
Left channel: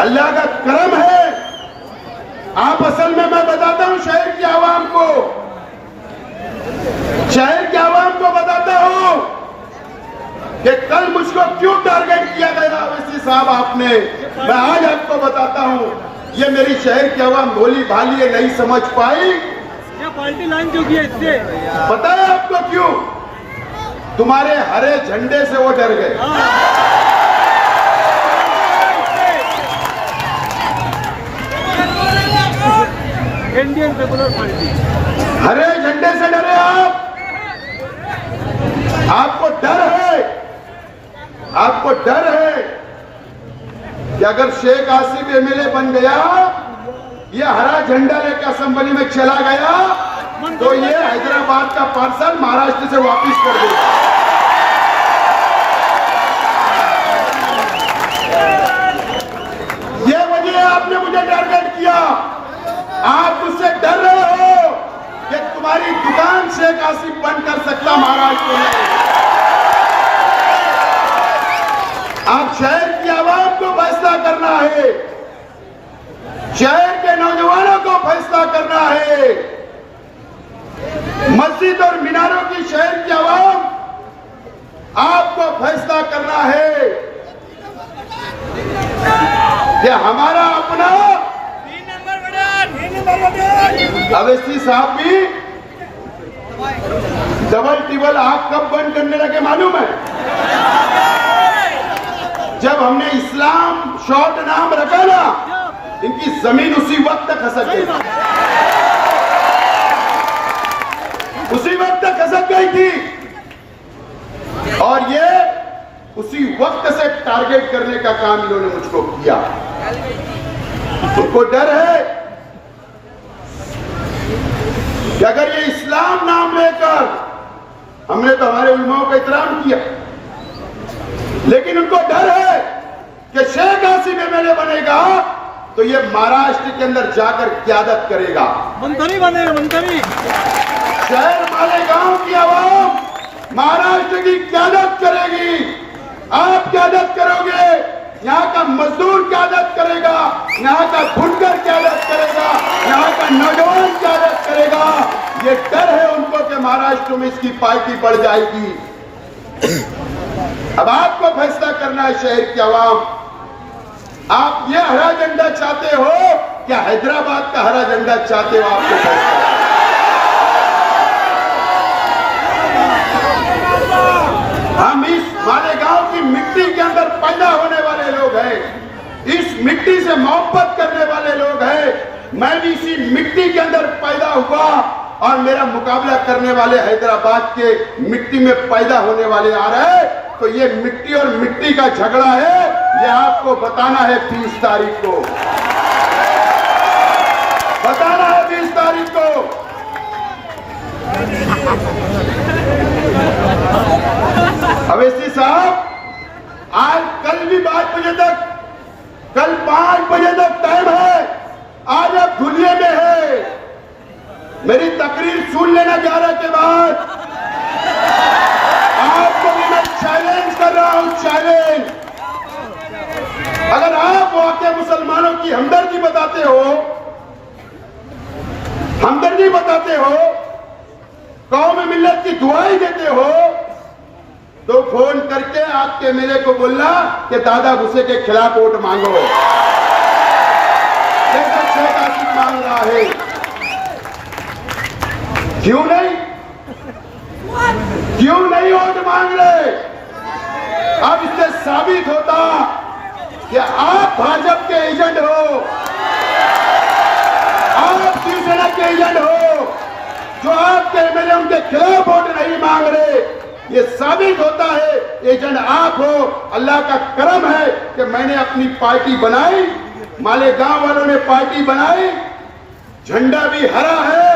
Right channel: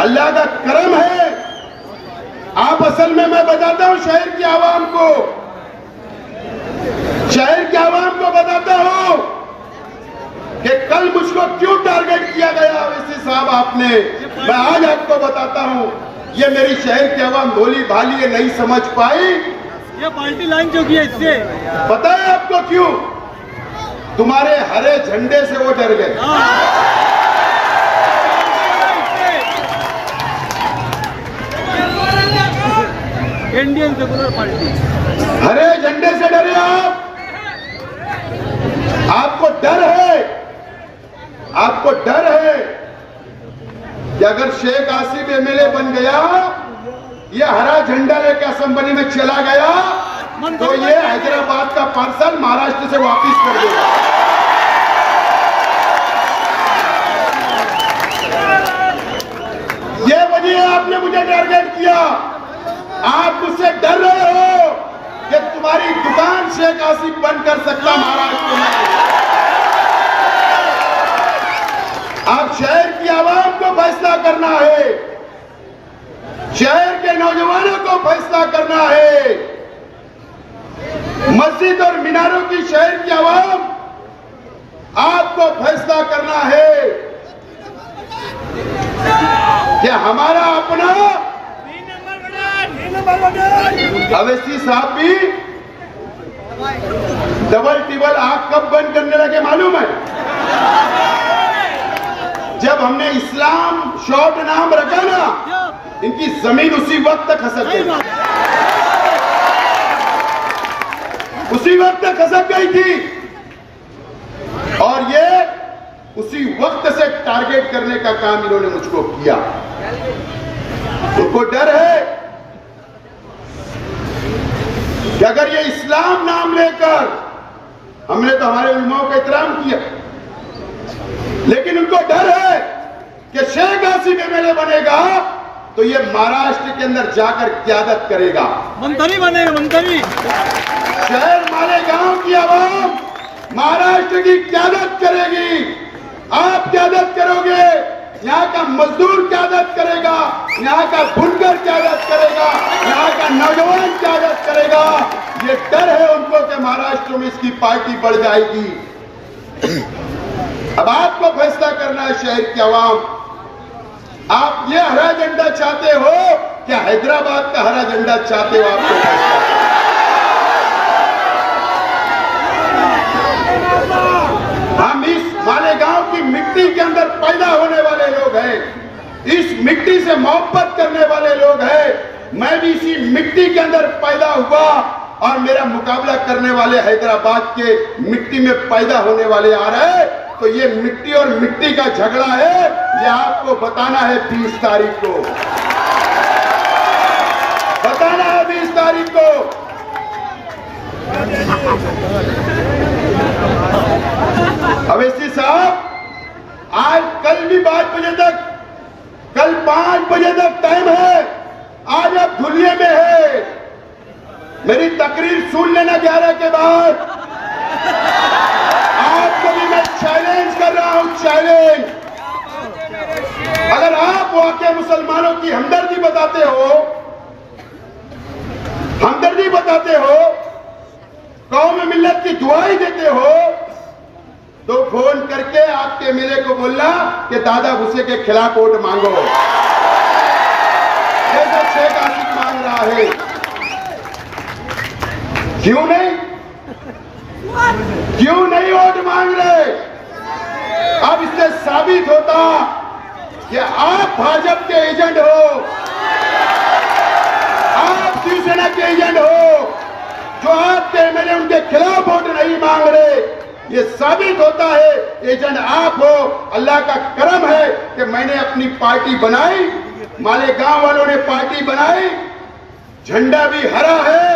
अल्लाह का करम है। आप असल में, मैं बताता हूं शहर की आवाम को, शहर की आवाम को बताता हूं कि कल मुझको क्यों टारगेट किया गया अवैसी साहब आपने। मैं आज आपको बताता हूं, ये मेरी शहर की आवाम भोली भाली है, नहीं समझ पाई। ये पार्टी लाइन जो की है इससे पता है आपको क्यों? तुम्हारे हरे झंडे से वो डर गए। इंडियन सेकुलर पार्टी हरे झंडे से डरे आप। आपको डर है, आपको डर है कि अगर शेख आसिफ एमएलए बन गया, ये हरा झंडा लेकर असेंबली में चला गया तो ये हैदराबाद का पार्सल महाराष्ट्र से वापस कर देगा। ये वजह आपने मुझे टारगेट किया। आप मुझसे डर रहे हो कि तुम्हारी दुकान शेख आसिफ बंद कर सकता महाराष्ट्र में। आप शहर की आवाम को फैसला करना है, शहर के नौजवानों को फैसला करना है। मस्जिद और मीनारों की शहर की आवाम, आपको फैसला करना है कि हमारा अपना। अवैसी साहब भी डबल टिबल आग कब बंद करने लगे मालूम है? जब हमने इस्लाम शॉर्ट नाम रखा ना, इनकी जमीन उसी वक्त तक खसक गई, उसी वक्त तक खसक गई थी। और ये उसी वक्त से टारगेट करने का काम इन्होंने मुझको किया। उनको डर है कि अगर ये इस्लाम नाम लेकर, हमने तो हमारे उलमाओं का एहतराम किया, लेकिन उनको डर है कि शेख आसिफ एमएलए बनेगा तो ये महाराष्ट्र के अंदर जाकर क्यादत करेगा, मंत्री बनेगा, मंत्री। शहर मालेगांव की आवाम महाराष्ट्र की क्यादत करेगी। आप क्यादत करोगे, यहाँ का मजदूर क्यादत करेगा, यहाँ का बुनकर क्यादत करेगा, यहाँ का नौजवान क्यादत करेगा। ये डर है उनको कि महाराष्ट्र में इसकी पार्टी बढ़ जाएगी। अब आपको फैसला करना है शहर की आवाम, आप ये हरा झंडा चाहते हो क्या हैदराबाद का हरा झंडा चाहते हो? आपको फैसला। हम इस मालेगांव की मिट्टी के अंदर पैदा होने वाले लोग हैं, इस मिट्टी से मोहब्बत करने वाले लोग हैं। मैं भी इसी मिट्टी के अंदर पैदा हुआ और मेरा मुकाबला करने वाले हैदराबाद के मिट्टी में पैदा होने वाले आ रहे हैं। तो ये मिट्टी और मिट्टी का झगड़ा है, ये आपको बताना है 20 तारीख को, बताना है 20 तारीख को। अवैसी साहब, आज कल भी 5 बजे तक, कल 5 बजे तक टाइम है, आज आप धुलिये में है। मेरी तकरीर सुन लेना 11 के बाद। आपको भी मैं चैलेंज कर रहा हूं, चैलेंज। अगर आप वाकई मुसलमानों की हमदर्दी बताते हो, हमदर्दी बताते हो, कौम मिल्लत की दुआई देते हो, तो फोन करके आपके एमएलए को बोलना कि दादा भूसे के खिलाफ वोट मांगो, जैसे शेख आसिफ मांग रहा है। क्यों नहीं, क्यों नहीं वोट मांग रहे? अब इससे साबित होता कि आप भाजपा के एजेंट हो। के खिलाफ वोट नहीं मांग रहे। ये साबित होता है एजेंट आप हो। अल्लाह का करम है कि मैंने अपनी पार्टी बनाई, मालेगांव वालों ने पार्टी बनाई, झंडा भी हरा है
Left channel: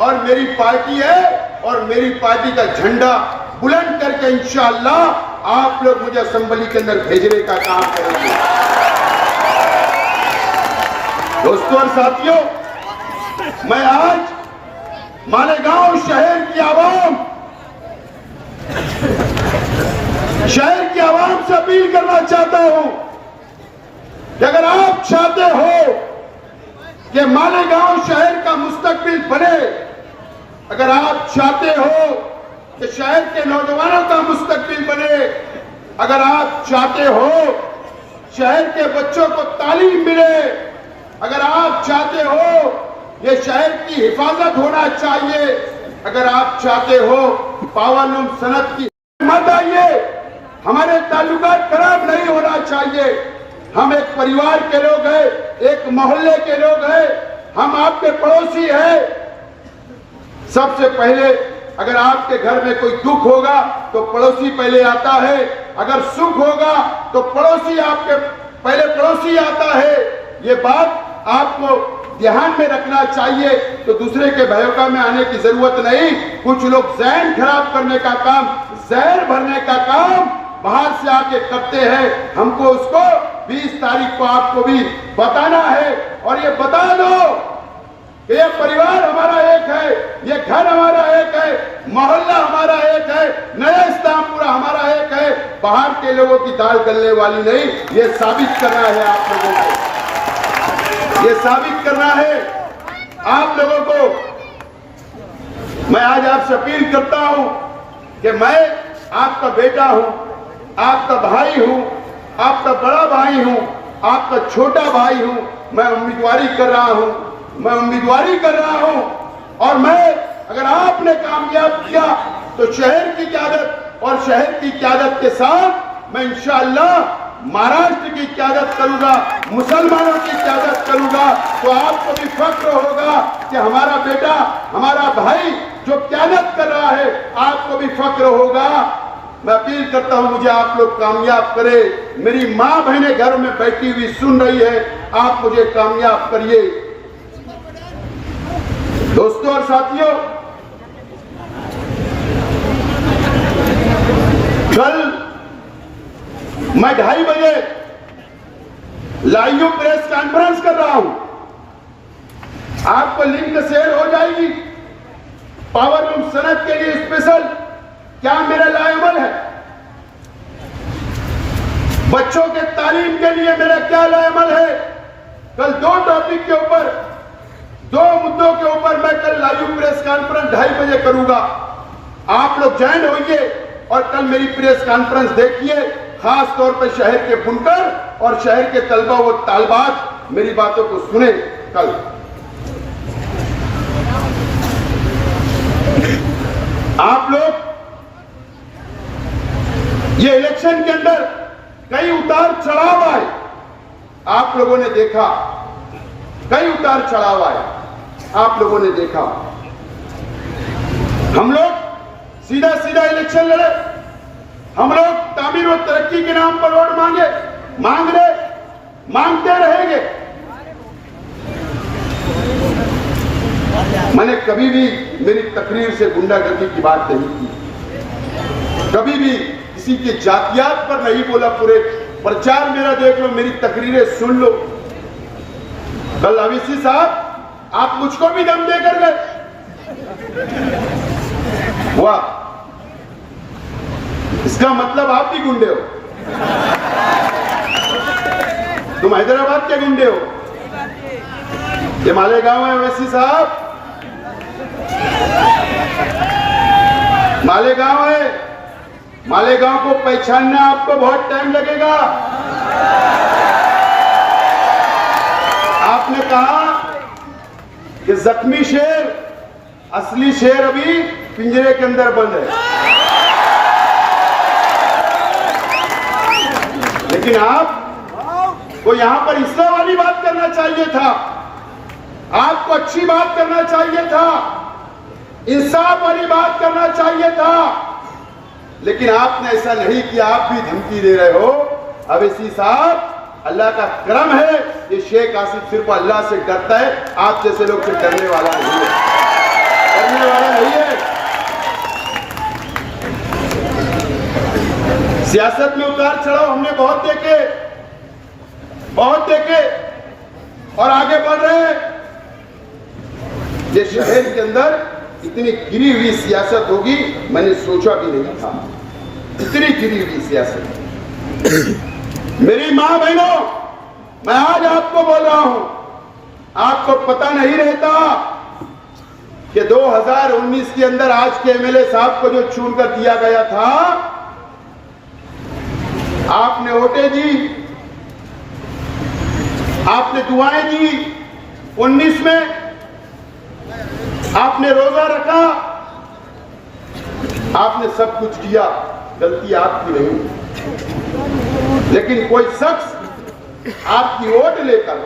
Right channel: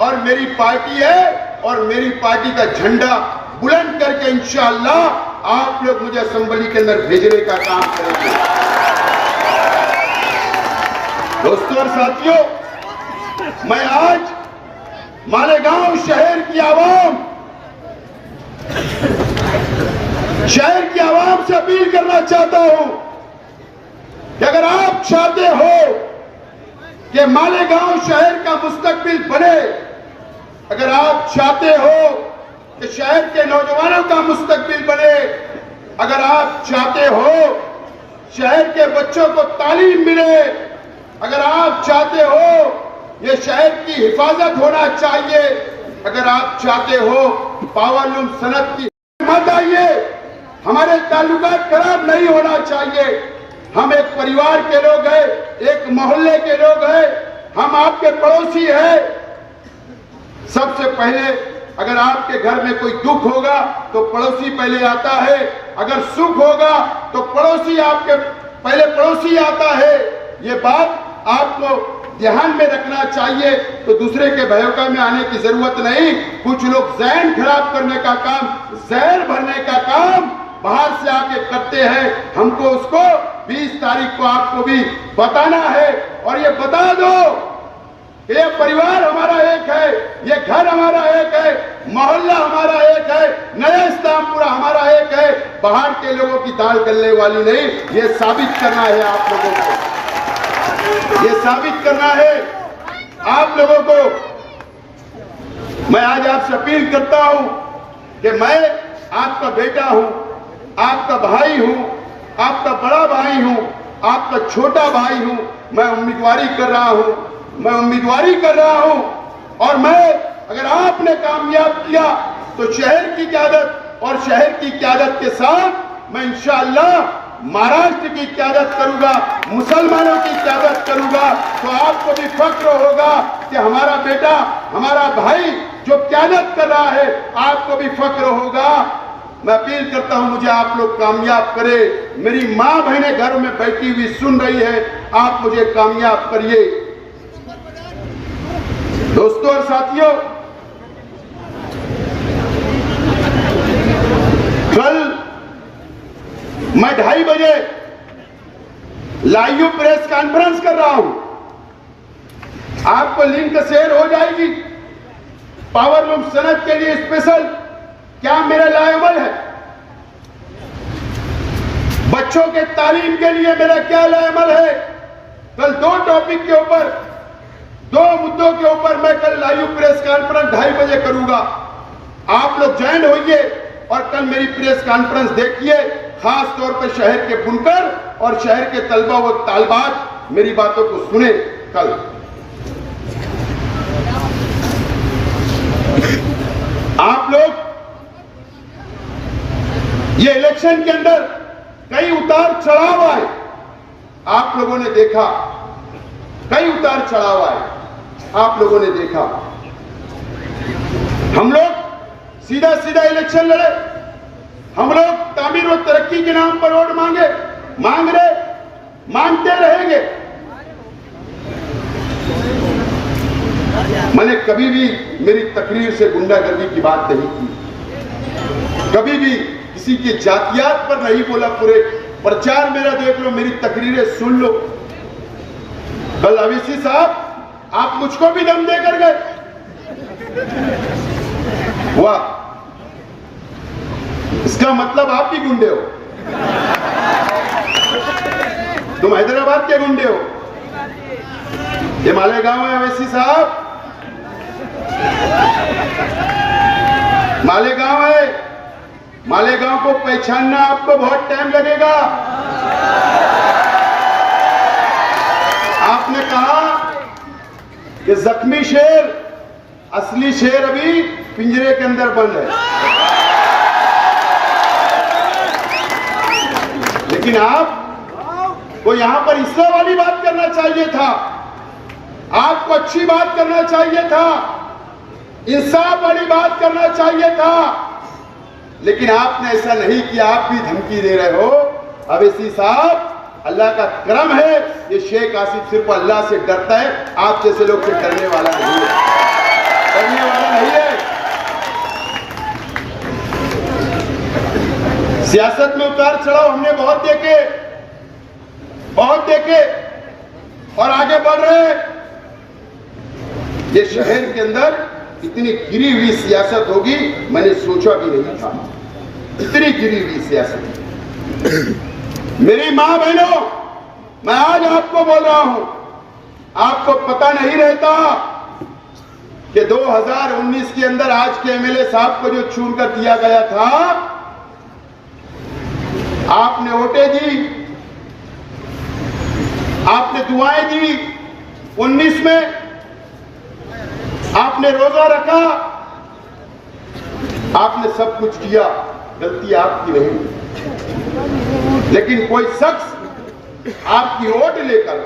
और मेरी पार्टी है, और मेरी पार्टी का झंडा बुलंद करके इंशाअल्लाह आप लोग मुझे असेंबली के अंदर भेजने का काम करेंगे। दोस्तों और साथियों, मैं आज मालेगांव शहर की आवाम से अपील करना चाहता हूं कि अगर आप चाहते हो कि मालेगांव शहर का मुस्तकबिल बने, अगर आप चाहते हो कि शहर के नौजवानों का मुस्तकबिल बने, अगर आप चाहते हो शहर के बच्चों को तालीम मिले, अगर आप चाहते हो ये शहर की हिफाजत होना चाहिए, अगर आप चाहते हो पावरलूम सनत की मत आइए, हमारे ताल्लुकात खराब नहीं होना चाहिए। हम एक परिवार के लोग हैं, एक मोहल्ले के लोग हैं, हम आपके पड़ोसी हैं। सबसे पहले अगर आपके घर में कोई दुख होगा तो पड़ोसी पहले आता है, अगर सुख होगा तो पड़ोसी आपके पहले पड़ोसी आता है। ये बात आपको ध्यान में रखना चाहिए। तो दूसरे के भयौका में आने की जरूरत नहीं। कुछ लोग ज़हन खराब करने का काम, जहर भरने का काम बाहर से आके करते हैं। हमको उसको 20 तारीख को आपको भी बताना है, और ये बता दो ये परिवार हमारा एक है, ये घर हमारा एक है, मोहल्ला हमारा एक है, नया इस्लामपुरा हमारा एक है। बाहर के लोगों की दाल गलने वाली नहीं। ये साबित करना है आप लोगों को, ये साबित करना है आप लोगों को। मैं आज आपसे अपील करता हूं कि मैं आपका बेटा हूं, आपका भाई हूं, आपका बड़ा भाई हूं, आपका छोटा भाई हूं। मैं उम्मीदवारी कर रहा हूं, और मैं अगर आपने कामयाब किया तो शहर की क़यादत और शहर की क़यादत के साथ मैं इंशाअल्लाह महाराष्ट्र की क़यादत करूंगा, मुसलमानों की क़यादत करूंगा। तो आपको भी फख्र होगा कि हमारा बेटा, हमारा भाई जो क़यादत कर रहा है, आपको भी फख्र होगा। मैं अपील करता हूं मुझे आप लोग कामयाब करें। मेरी माँ बहनें घर में बैठी हुई सुन रही है, आप मुझे कामयाब करिए। दोस्तों और साथियों, कल मैं 2:30 बजे लाइव प्रेस कॉन्फ्रेंस कर रहा हूं। आपको लिंक शेयर हो जाएगी। पावरलूम सनत के लिए स्पेशल क्या मेरा लाएमल है, बच्चों के तालीम के लिए मेरा क्या लाएमल है। कल 2 टॉपिक के ऊपर, 2 मुद्दों के ऊपर मैं कल लाइव प्रेस कॉन्फ्रेंस 2:30 बजे करूंगा। आप लोग ज्वाइन होइए और कल मेरी प्रेस कॉन्फ्रेंस देखिए। खास तौर पर शहर के बुनकर और शहर के तलबा व तालबात मेरी बातों को सुने। कल आप लोग ये इलेक्शन के अंदर कई उतार चढ़ाव आए, आप लोगों ने देखा, कई उतार चढ़ाव आए, आप लोगों ने देखा। हम लोग सीधा सीधा इलेक्शन लड़े, हम लोग तामीर और तरक्की के नाम पर वोट मांगते रहेंगे। मैंने कभी भी मेरी तकरीर से गुंडागर्दी की बात नहीं की, कभी भी किसी के जातियात पर नहीं बोला। पूरे प्रचार मेरा देख लो, मेरी तकरीरें सुन लो। कल अवीसी साहब आप मुझको भी दम देकर गए, वाह, इसका मतलब आप भी गुंडे हो, तुम हैदराबाद के गुंडे हो। ये मालेगांव है अवीसी साहब, मालेगांव है। मालेगांव को पहचानने आपको बहुत टाइम लगेगा। आपने कहा कि जख्मी शेर, असली शेर अभी पिंजरे के अंदर बंद है, लेकिन आपको यहां पर हिस्सा वाली बात करना चाहिए था, आपको अच्छी बात करना चाहिए था। इंसाफ वाली बात करना चाहिए था, लेकिन आपने ऐसा नहीं किया। आप भी धमकी दे रहे हो। अवैसी साहब, अल्लाह का करम है ये शेख आसिफ सिर्फ अल्लाह से डरता है, आप जैसे लोग से डरने वाला नहीं है, डरने वाला नहीं है। सियासत में उतार चढ़ाव हमने बहुत देखे और आगे बढ़ रहे हैं। ये शहर के अंदर इतनी गिरी हुई सियासत होगी मैंने सोचा भी नहीं था, इतनी गिरी हुई सियासत। मेरी मां बहनों, मैं आज आपको बोल रहा हूं, आपको पता नहीं रहता कि 2019 के अंदर आज के एमएलए साहब को जो चुनकर दिया गया था, आपने वोटें दी, आपने दुआएं दी। 19 में आपने रोजा रखा, आपने सब कुछ किया, गलती आपकी नहीं। लेकिन कोई शख्स आपकी वोट लेकर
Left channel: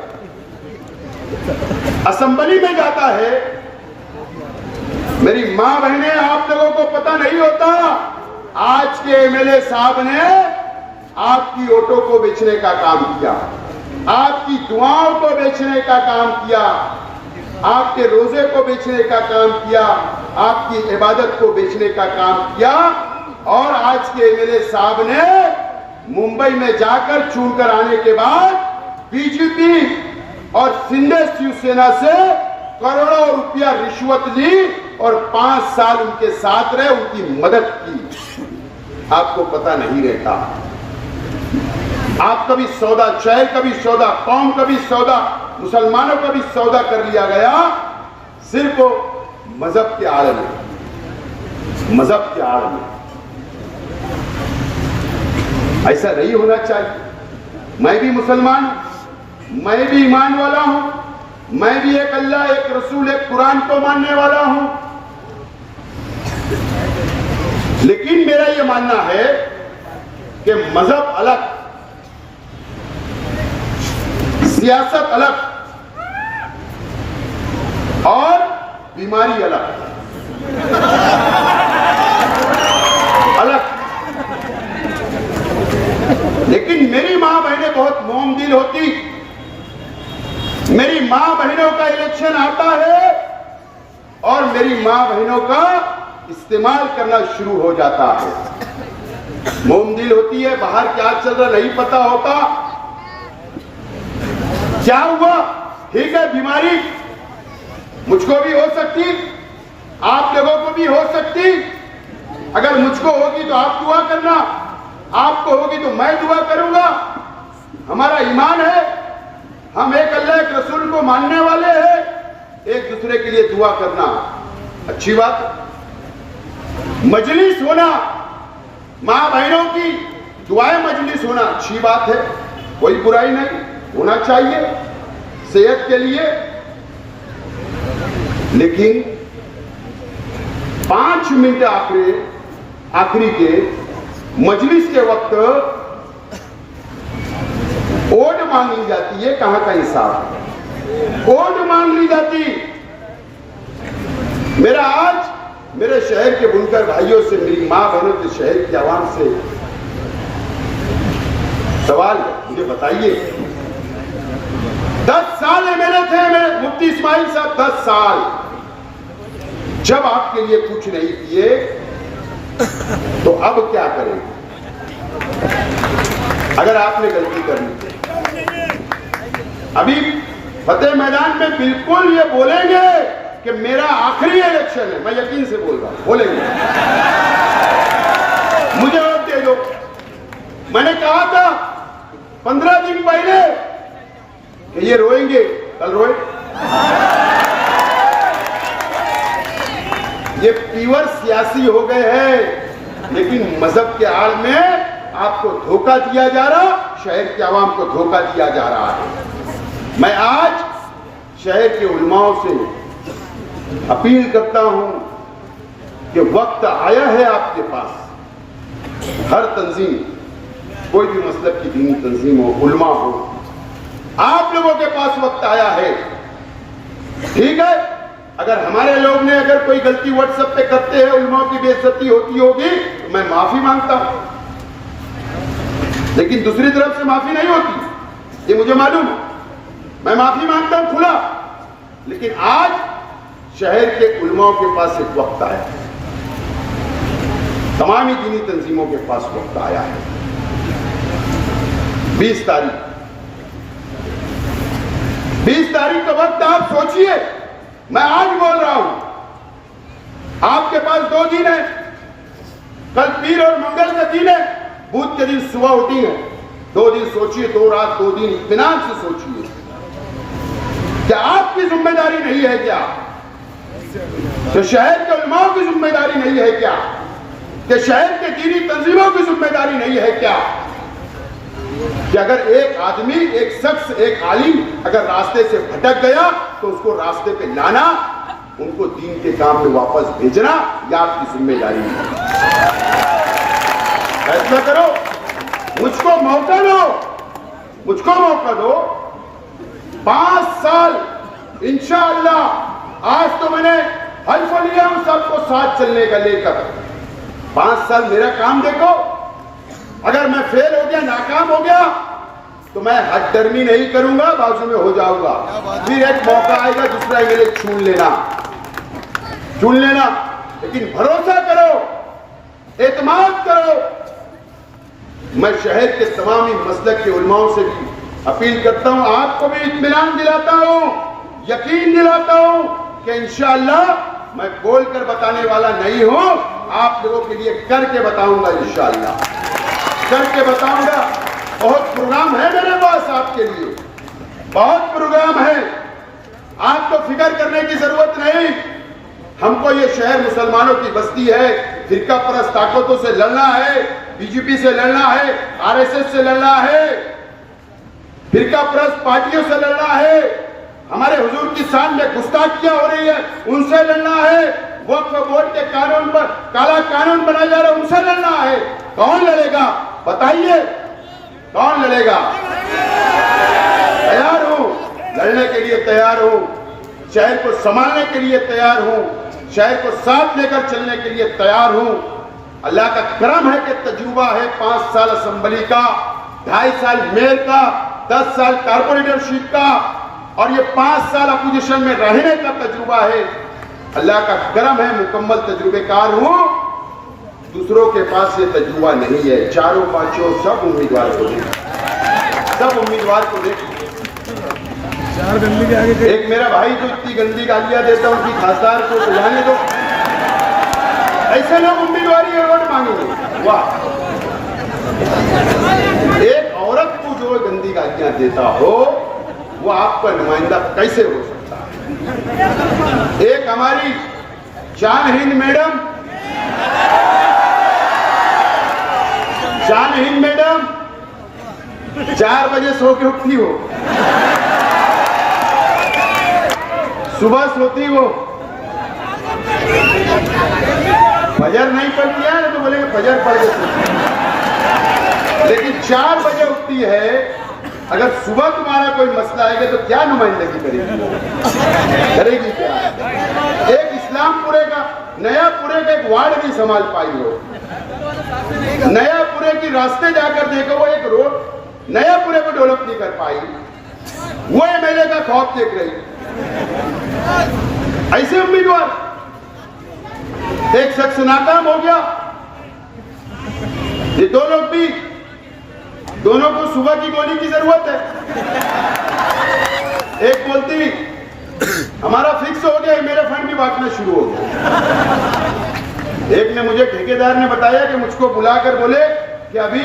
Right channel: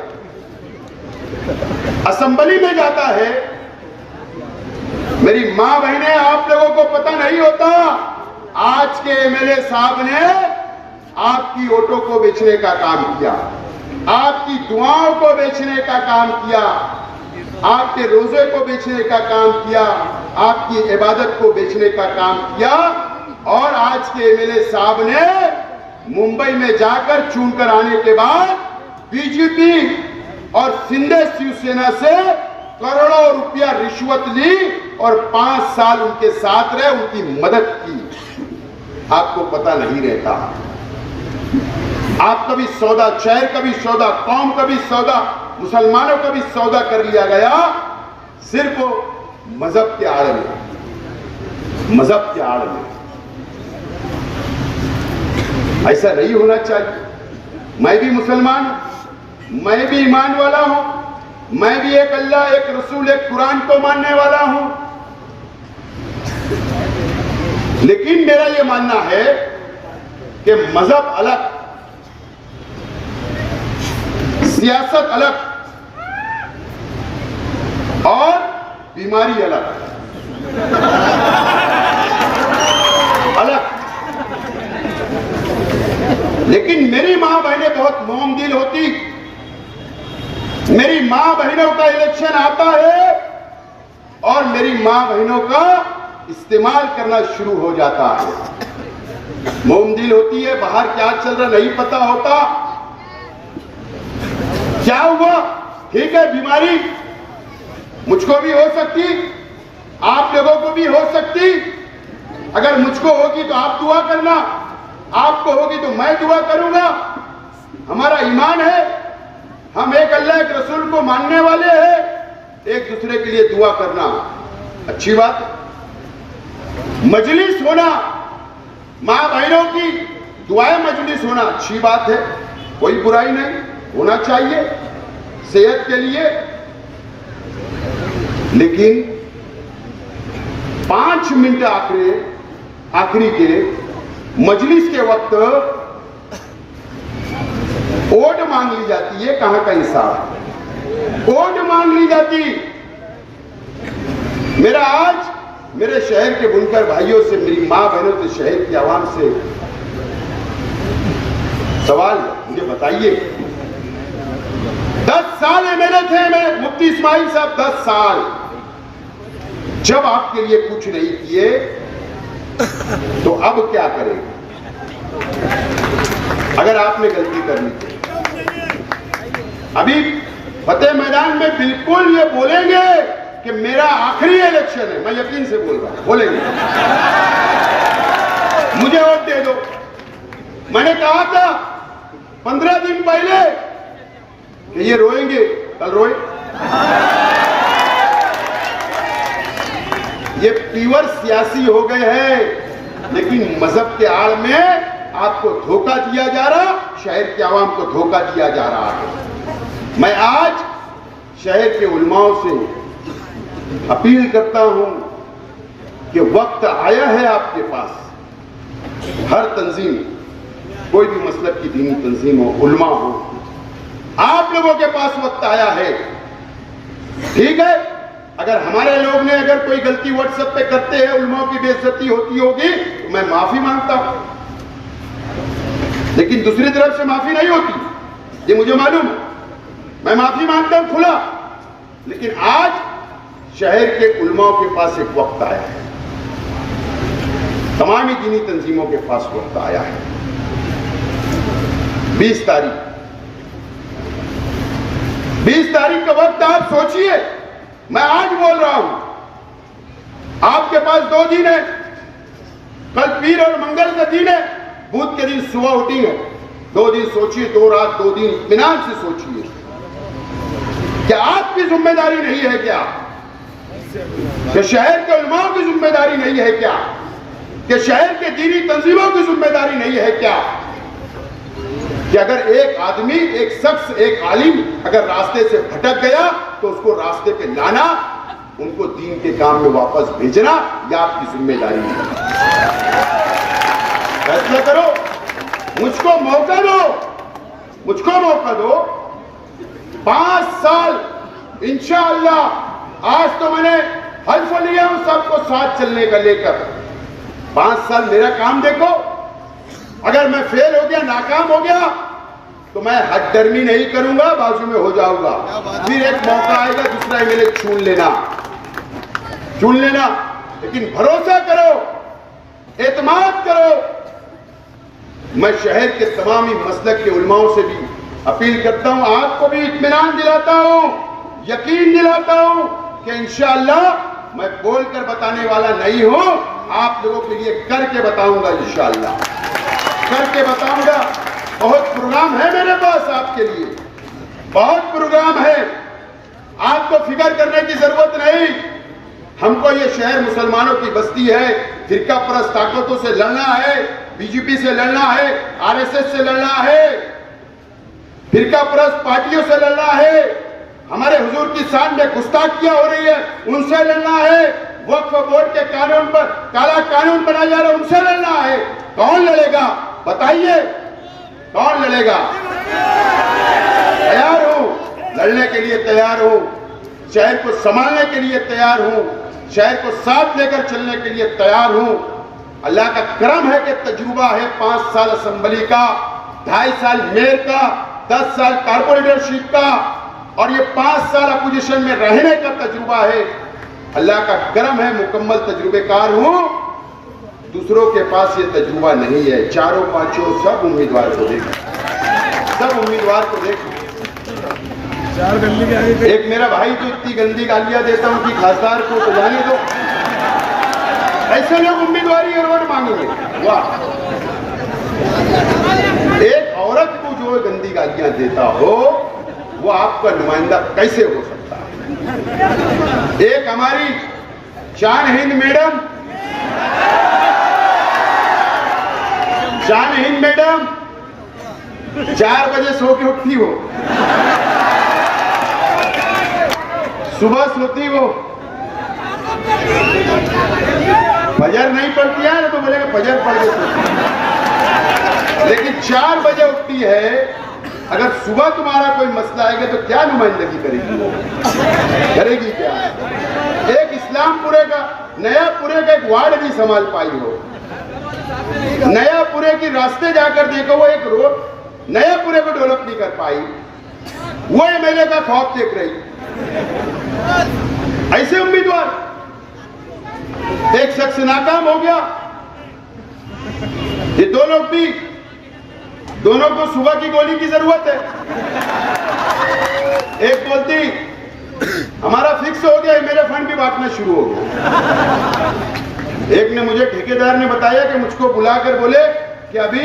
असेंबली में जाता है। मेरी मां बहनें, आप लोगों को पता नहीं होता, आज के एमएलए साहब ने आपकी वोटों को बेचने का काम किया, आपकी दुआओं को बेचने का काम किया, आपके रोजे को बेचने का काम किया, आपकी इबादत को बेचने का काम किया। और आज के एमएलए साहब ने मुंबई में जाकर चुनकर आने के बाद बीजेपी और शिंदे शिवसेना से करोड़ों रुपया रिश्वत ली और 5 साल उनके साथ रहे, उनकी मदद की। आपको पता नहीं रहता। आप कभी सौदा, शहर का भी सौदा, कौम का भी सौदा, मुसलमानों का भी सौदा कर लिया गया, सिर्फ मजहब के आड़ में, मजहब के आड़ में। ऐसा नहीं होना चाहिए। मैं भी मुसलमान हूं, मैं भी ईमान वाला हूं, मैं भी एक अल्लाह, एक रसूल, एक कुरान को मानने वाला हूं। लेकिन मेरा यह मानना है कि मजहब अलग, सियासत अलग और बीमारी अलग। लेकिन मेरी मां बहनें बहुत मोम दिल होती। मेरी मां बहनों का इलेक्शन आता है और मेरी मां बहनों का इस्तेमाल करना शुरू हो जाता है। मोम दिल होती है, बाहर क्या चल रहा नहीं पता होता। क्या हुआ? ठीक है, बीमारी मुझको भी हो सकती, आप लोगों को भी हो सकती। अगर मुझको होगी तो आप दुआ करना, आपको होगी तो मैं दुआ करूंगा। हमारा ईमान है, हम एक अल्लाह एक रसूल को मानने वाले हैं। एक दूसरे के लिए दुआ करना अच्छी बात है। मजलिस होना, मां बहनों की दुआएं मजलिस होना अच्छी बात है, कोई बुराई नहीं, होना चाहिए सेहत के लिए। लेकिन 5 मिनट आखिरी के मजलिस के वक्त वोट मांग ली जाती है। कहां का इंसाफ? वोट मांग ली जाती। मेरा आज मेरे शहर के बुनकर भाइयों से, मेरी मां बहनों से, शहर की आवाम से सवाल है, मुझे बताइए, 10 साल एमएलए थे मेरे मुफ्ती इस्माइल साहब, 10 साल। जब आपके लिए कुछ नहीं किए तो अब क्या करेंगे? अगर आपने गलती करनी थी, अभी फतेह मैदान में बिल्कुल ये बोलेंगे कि मेरा आखिरी इलेक्शन है। मैं यकीन से बोल रहा हूं, बोलेंगे मुझे वोट दे दो। मैंने कहा था 15 दिन पहले कि ये रोएंगे, कल रोए। ये पीवर सियासी हो गए हैं, लेकिन मजहब के आड़ में आपको धोखा दिया जा रहा, शहर के आवाम को धोखा दिया जा रहा है। मैं आज शहर के उलमाओं से अपील करता हूं कि वक्त आया है आपके पास, हर तंजीम, कोई भी मसलब की दीनी तंजीम हो, उलमा हो, आप लोगों के पास वक्त आया है। ठीक है, अगर हमारे लोग ने अगर कोई गलती व्हाट्सएप पे करते हैं, उलमा की बेइज्जती होती होगी, तो मैं माफी मांगता हूं, लेकिन दूसरी तरफ से माफी नहीं होती, ये मुझे मालूम है। मैं माफी मांगता हूं खुला, लेकिन आज शहर के उलमा के पास एक वक्त आया है, तमामी दीनी तंजीमों के पास वक्त आया है। 20 तारीख का वक्त आप सोचिए, मैं आज बोल रहा हूं, आपके पास 2 दिन है, कल पीर और मंगल का दिन है, बुध के दिन सुबह उठेंगे, 2 दिन सोचिए, 2 रात 2 दिन इत्मीनान से सोचिए। क्या आपकी जिम्मेदारी नहीं है क्या? कि शहर के उलमाओं की जिम्मेदारी नहीं है क्या? कि शहर के दीनी तंजीमों की जिम्मेदारी नहीं है क्या? कि अगर एक आदमी, एक शख्स, एक आलिम अगर रास्ते से भटक गया तो उसको रास्ते पे लाना, उनको दीन के काम में वापस भेजना, यह आपकी जिम्मेदारी है। फैसला करो, मुझको मौका दो, मुझको मौका दो। 5 साल इंशाअल्लाह, आज तो मैंने हल्फ लिया हूं सबको साथ चलने का लेकर। 5 साल मेरा काम देखो, अगर मैं फेल हो गया, नाकाम हो गया, तो मैं हटदर्मी नहीं करूंगा, बाजू में हो जाऊंगा। फिर एक मौका आएगा, दूसरा एमएलए चुन लेना। लेकिन भरोसा करो, एतमाद करो। मैं शहर के तमामी मसलक के उलमाओं से भी अपील करता हूं, आपको भी इत्मीनान दिलाता हूं, यकीन दिलाता हूं कि इंशाअल्लाह मैं बोलकर बताने वाला नहीं हूं, आप लोगों के लिए करके बताऊंगा, इंशाअल्लाह करके बताऊंगा। बहुत प्रोग्राम है मेरे पास आपके लिए, बहुत प्रोग्राम है, आपको फिक्र करने की जरूरत नहीं। हमको ये शहर मुसलमानों की बस्ती है, फिरका परस्त ताकतों से लड़ना है, बीजेपी से लड़ना है, आरएसएस से लड़ना है, फिरका परस्त पार्टियों से लड़ना है, हमारे हुजूर की शान में गुस्ताखियां हो रही है, उनसे लड़ना है, वक्फ बोर्ड के कानून पर काला कानून बनाया जा रहा है, उनसे लड़ना है। कौन लड़ेगा बताइए, कौन लड़ेगा? तैयार हूं, लड़ने के लिए तैयार हूं, शहर को संभालने के लिए तैयार हूं, शहर को साथ लेकर चलने के लिए तैयार हूं। अल्लाह का करम है कि तजुर्बा है 5 साल असेंबली का, 2.5 साल मेयर का, 10 साल कारपोरेटरशिप का, और ये 5 साल अपोजिशन में रहने का तजुर्बा है। अल्लाह का करम है, मुकम्मल तजुर्बेकार हूं। दूसरों के पास ये तजुर्बा नहीं है। चारों पांचों सब उम्मीदवार को देखो, सब उम्मीदवार को देखो। एक मेरा भाई जो इतनी गंदी गालियां देता हूं कि खासदार को तो जाने दो, ऐसे लोग उम्मीदवारी और वोट मांगेंगे? वाह! एक औरत को जो गंदी गालियां देता हो वो आपका नुमाइंदा कैसे हो सकता है? एक हमारी शान हिंद मैडम, शान हिंद मैडम 4 बजे सो के उठती हो, सुबह सोती हो, फजर नहीं पढ़ती है तो बोले फजर पढ़ के सोती है, लेकिन 4 बजे उठती है। अगर सुबह तुम्हारा कोई मसला आएगा तो क्या नुमाइंदगी करेगी क्या? एक इस्लामपुरे का, नयापुरे का एक वार्ड भी संभाल पाई हो, नयापुरे की रास्ते जाकर देखो, वो एक रोड नयापुरे को डेवलप नहीं कर पाई, वो एमएलए का खौफ देख रही। ऐसे उम्मीदवार, एक शख्स नाकाम हो गया, ये 2 लोग भी, दोनों को सुबह की गोली की जरूरत है। एक बोलती हमारा फिक्स हो गया, मेरे फंड भी बांटना शुरू हो गया। एक ने मुझे, ठेकेदार ने बताया कि मुझको बुलाकर बोले कि अभी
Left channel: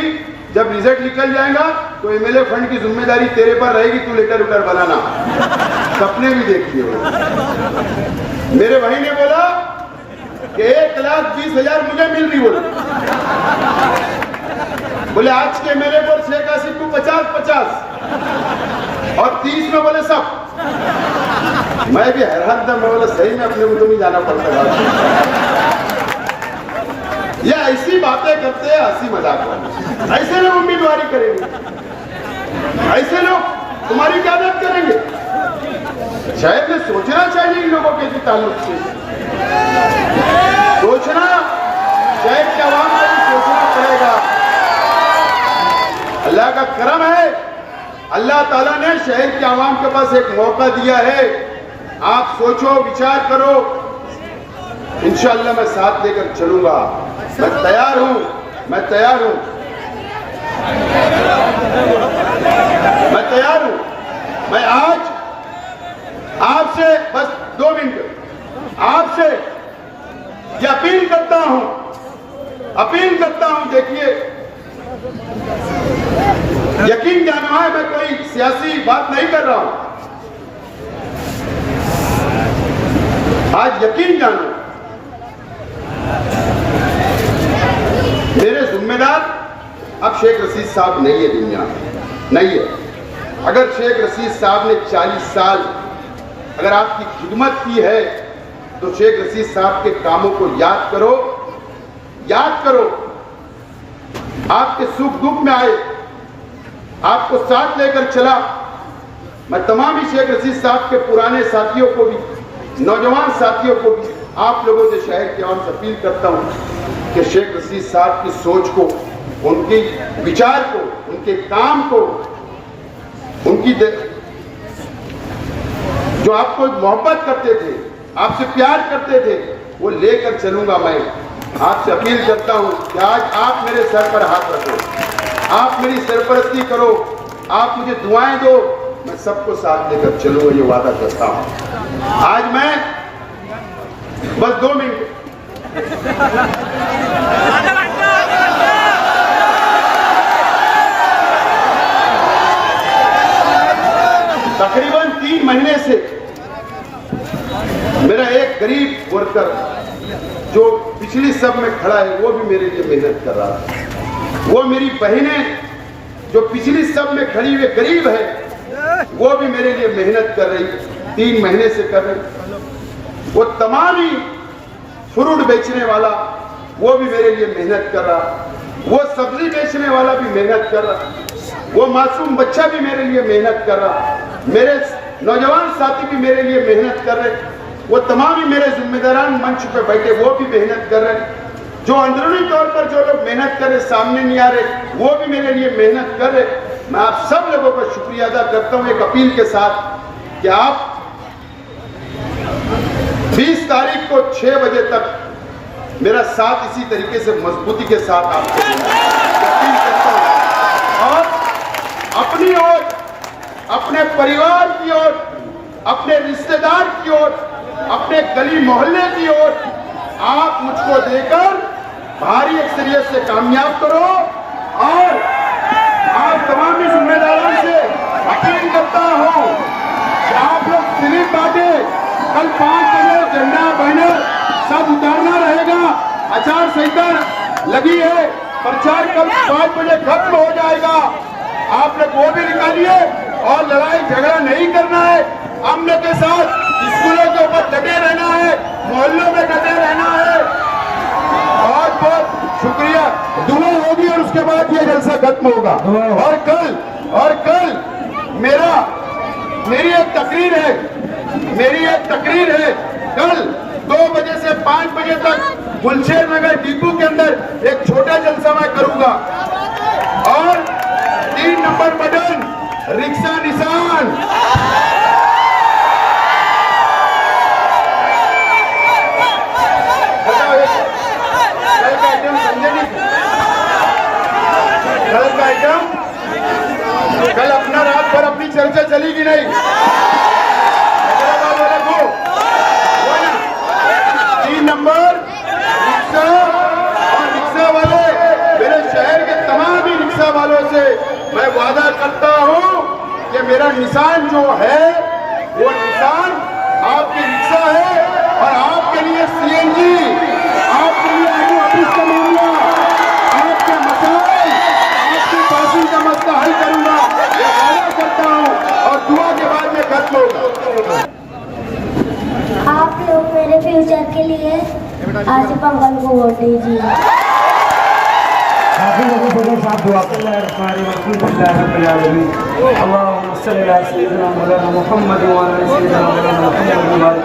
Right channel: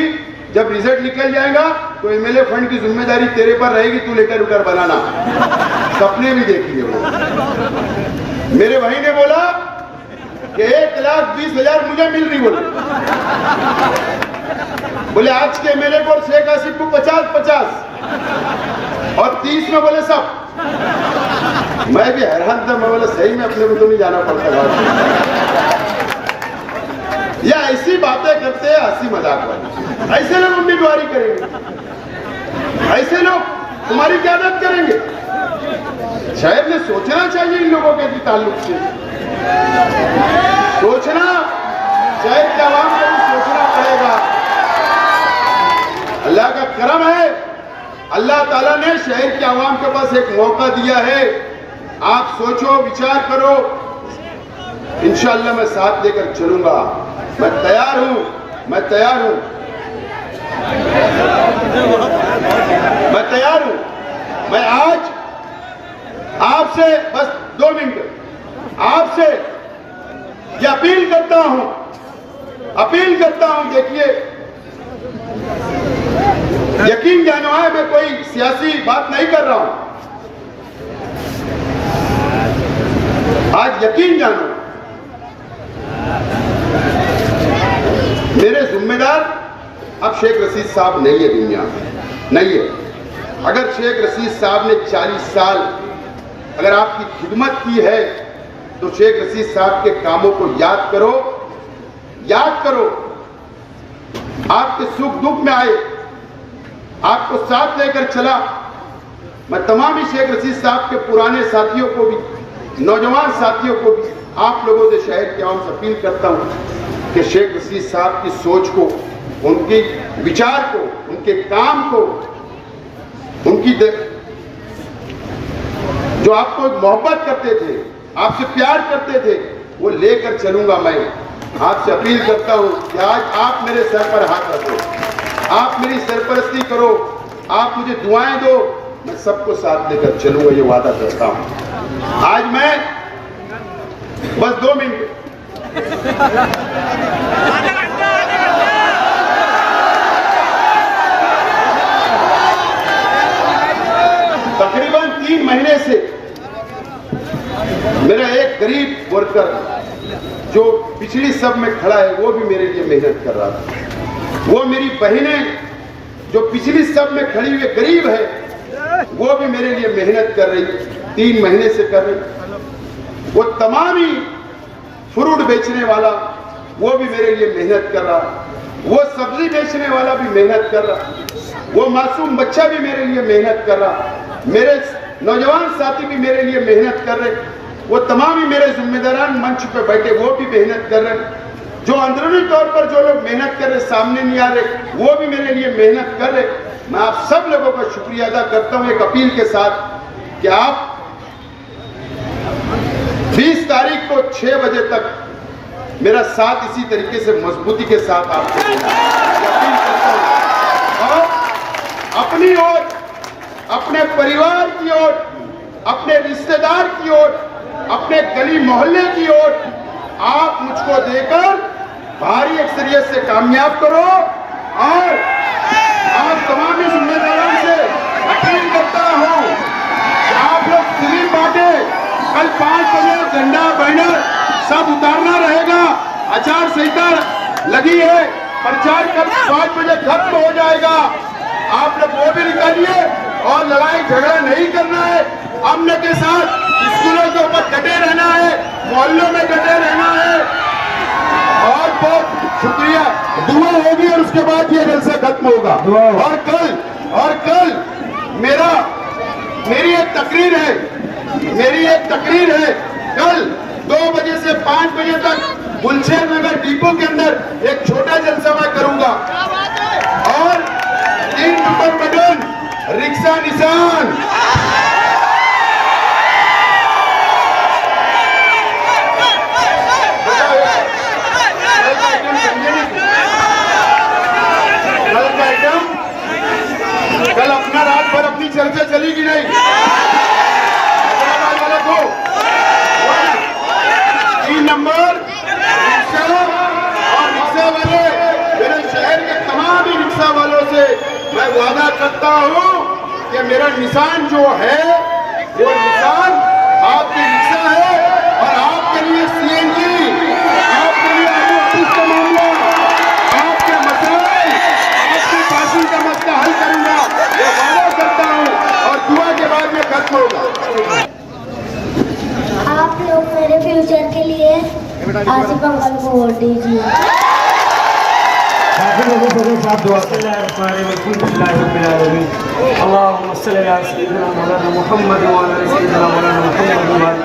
जब रिजल्ट निकल जाएगा तो एमएलए फंड की जिम्मेदारी तेरे पर रहेगी, तू लेकर उधर बनाना। सपने भी देख लिए। मेरे भाई ने बोला कि 1,20,000 मुझे मिल रही, बोले आज के एमएलए को शेख आसिफ को 50-50 और 30 में बोले सब। मैं भी हैरान था, मैं बोला सही में अपने को तो नहीं जाना पड़ता। या ऐसी बातें करते हैं, हंसी मजाक करते, ऐसे लोग उम्मीदवारी करेंगे, ऐसे लोग तुम्हारी क्यादत करेंगे। शहर में सोचना चाहिए इन लोगों के ताल्लुक से, सोचना, शहर के आवाम को भी सोचना पड़ेगा। अल्लाह का करम है, अल्लाह ताला ने शहर के आवाम के पास एक मौका दिया है। आप सोचो, विचार करो, इंशाअल्लाह मैं साथ लेकर चलूंगा। मैं तैयार हूं, मैं तैयार हूं, मैं तैयार हूं। मैं आज आपसे बस 2 मिनट आपसे ये अपील करता हूं, देखिए, यकीन जानो है, मैं कोई सियासी बात नहीं कर रहा हूं। आज यकीन जानो, मेरे जिम्मेदार अब शेख रशीद साहब नहीं है, दुनिया में नहीं है। अगर शेख रशीद साहब ने 40 साल अगर आपकी खिदमत की है, तो शेख रशीद साहब के कामों को याद करो, याद करो। आपके सुख दुख में आए, आपको साथ लेकर चला। मैं तमाम ही शेख रशीद साहब के पुराने साथियों को भी, नौजवान साथियों को भी, आप लोगों से, शहर के आवाम से अपील करता हूं कि शेख रशीद साहब की सोच को, उनके विचार को, उनके काम को, उनकी जो आपको मोहब्बत करते थे, आपसे प्यार करते थे, वो लेकर चलूंगा। मैं आपसे अपील करता हूं कि आज आप मेरे सर पर हाथ रखो, आप मेरी सरपरस्ती करो, आप मुझे दुआएं दो, मैं सबको साथ लेकर चलूंगा, ये वादा करता हूं। आज मैं बस 2 मिनट तकरीबन 3 महीने से मेरा एक गरीब वर्कर जो पिछली सब में खड़ा है, वो भी मेरे लिए मेहनत कर रहा था। वो मेरी बहनें जो पिछली सब में खड़ी हुई गरीब है, वो भी मेरे लिए मेहनत कर रही, 3 महीने से कर रही। वो तमाम ही फ्रूट बेचने वाला, वो भी मेरे लिए मेहनत कर रहा। वो सब्जी बेचने वाला भी मेहनत कर रहा। वो मासूम बच्चा भी मेरे लिए मेहनत कर रहा। मेरे नौजवान साथी भी मेरे लिए मेहनत कर रहे। वो तमाम ही मेरे जिम्मेदारान मंच पे बैठे, वो भी मेहनत कर रहे। जो अंदरूनी तौर पर जो लोग मेहनत कर रहे, सामने नहीं आ रहे, वो भी मेरे लिए मेहनत कर रहे। मैं आप सब लोगों का शुक्रिया अदा करता हूं एक अपील के साथ कि आप 20 तारीख को 6 बजे तक मेरा साथ इसी तरीके से मजबूती के साथ आपको देना अपील करता हूं। और अपनी ओर, अपने परिवार की ओर, अपने रिश्तेदार की ओर, अपने गली मोहल्ले की ओर आप मुझको देकर भारी अक्सरियत से कामयाब करो। और आप तमाम जिम्मेदारों से अपील करता हूं कि आप लोग स्लिप बांटे। कल 5 बजे झंडा बैनर सब उतारना रहेगा। आचार संहिता लगी है, प्रचार कल 5 बजे खत्म हो जाएगा। आप लोग वो भी निकालिए और लड़ाई झगड़ा नहीं करना है। अमन के साथ स्कूलों के ऊपर डटे रहना है, मोहल्लों में डटे रहना है। और बहुत शुक्रिया, दुआ होगी और उसके बाद ये जलसा खत्म होगा। और कल मेरी एक तकरीर है, कल 2 बजे से 5 बजे तक गुलशेर नगर डिपो के अंदर एक छोटा जलसा मैं करूंगा। और 3 नंबर बटन रिक्शा निशान, कल अपना रात भर अपनी चर्चा चलेगी नहीं। 3 नंबर रिक्शा और रिक्शा वाले, मेरे शहर के तमाम ही रिक्शा वालों से मैं वादा करता हूं कि मेरा निशान जो है वो निशान आपके रिक्शा है। और आपके लिए सीएनजी, आपके लिए आलू ऑफिस का मामला, आपके मसाइल, आपके पासिंग का मसला हल करूंगा, ये वादा करता हूं। और दुआ के बाद में खत्म होगा। आप लोग मेरे फ्यूचर के लिए आसिफ अंकल को वोट दीजिए। आखिर लोगों को साथ दुआ अल्लाहुम्मा सल्ली अला सय्यिदिना मौलाना मुहम्मद व अला सय्यिदिना मौलाना मुहम्मद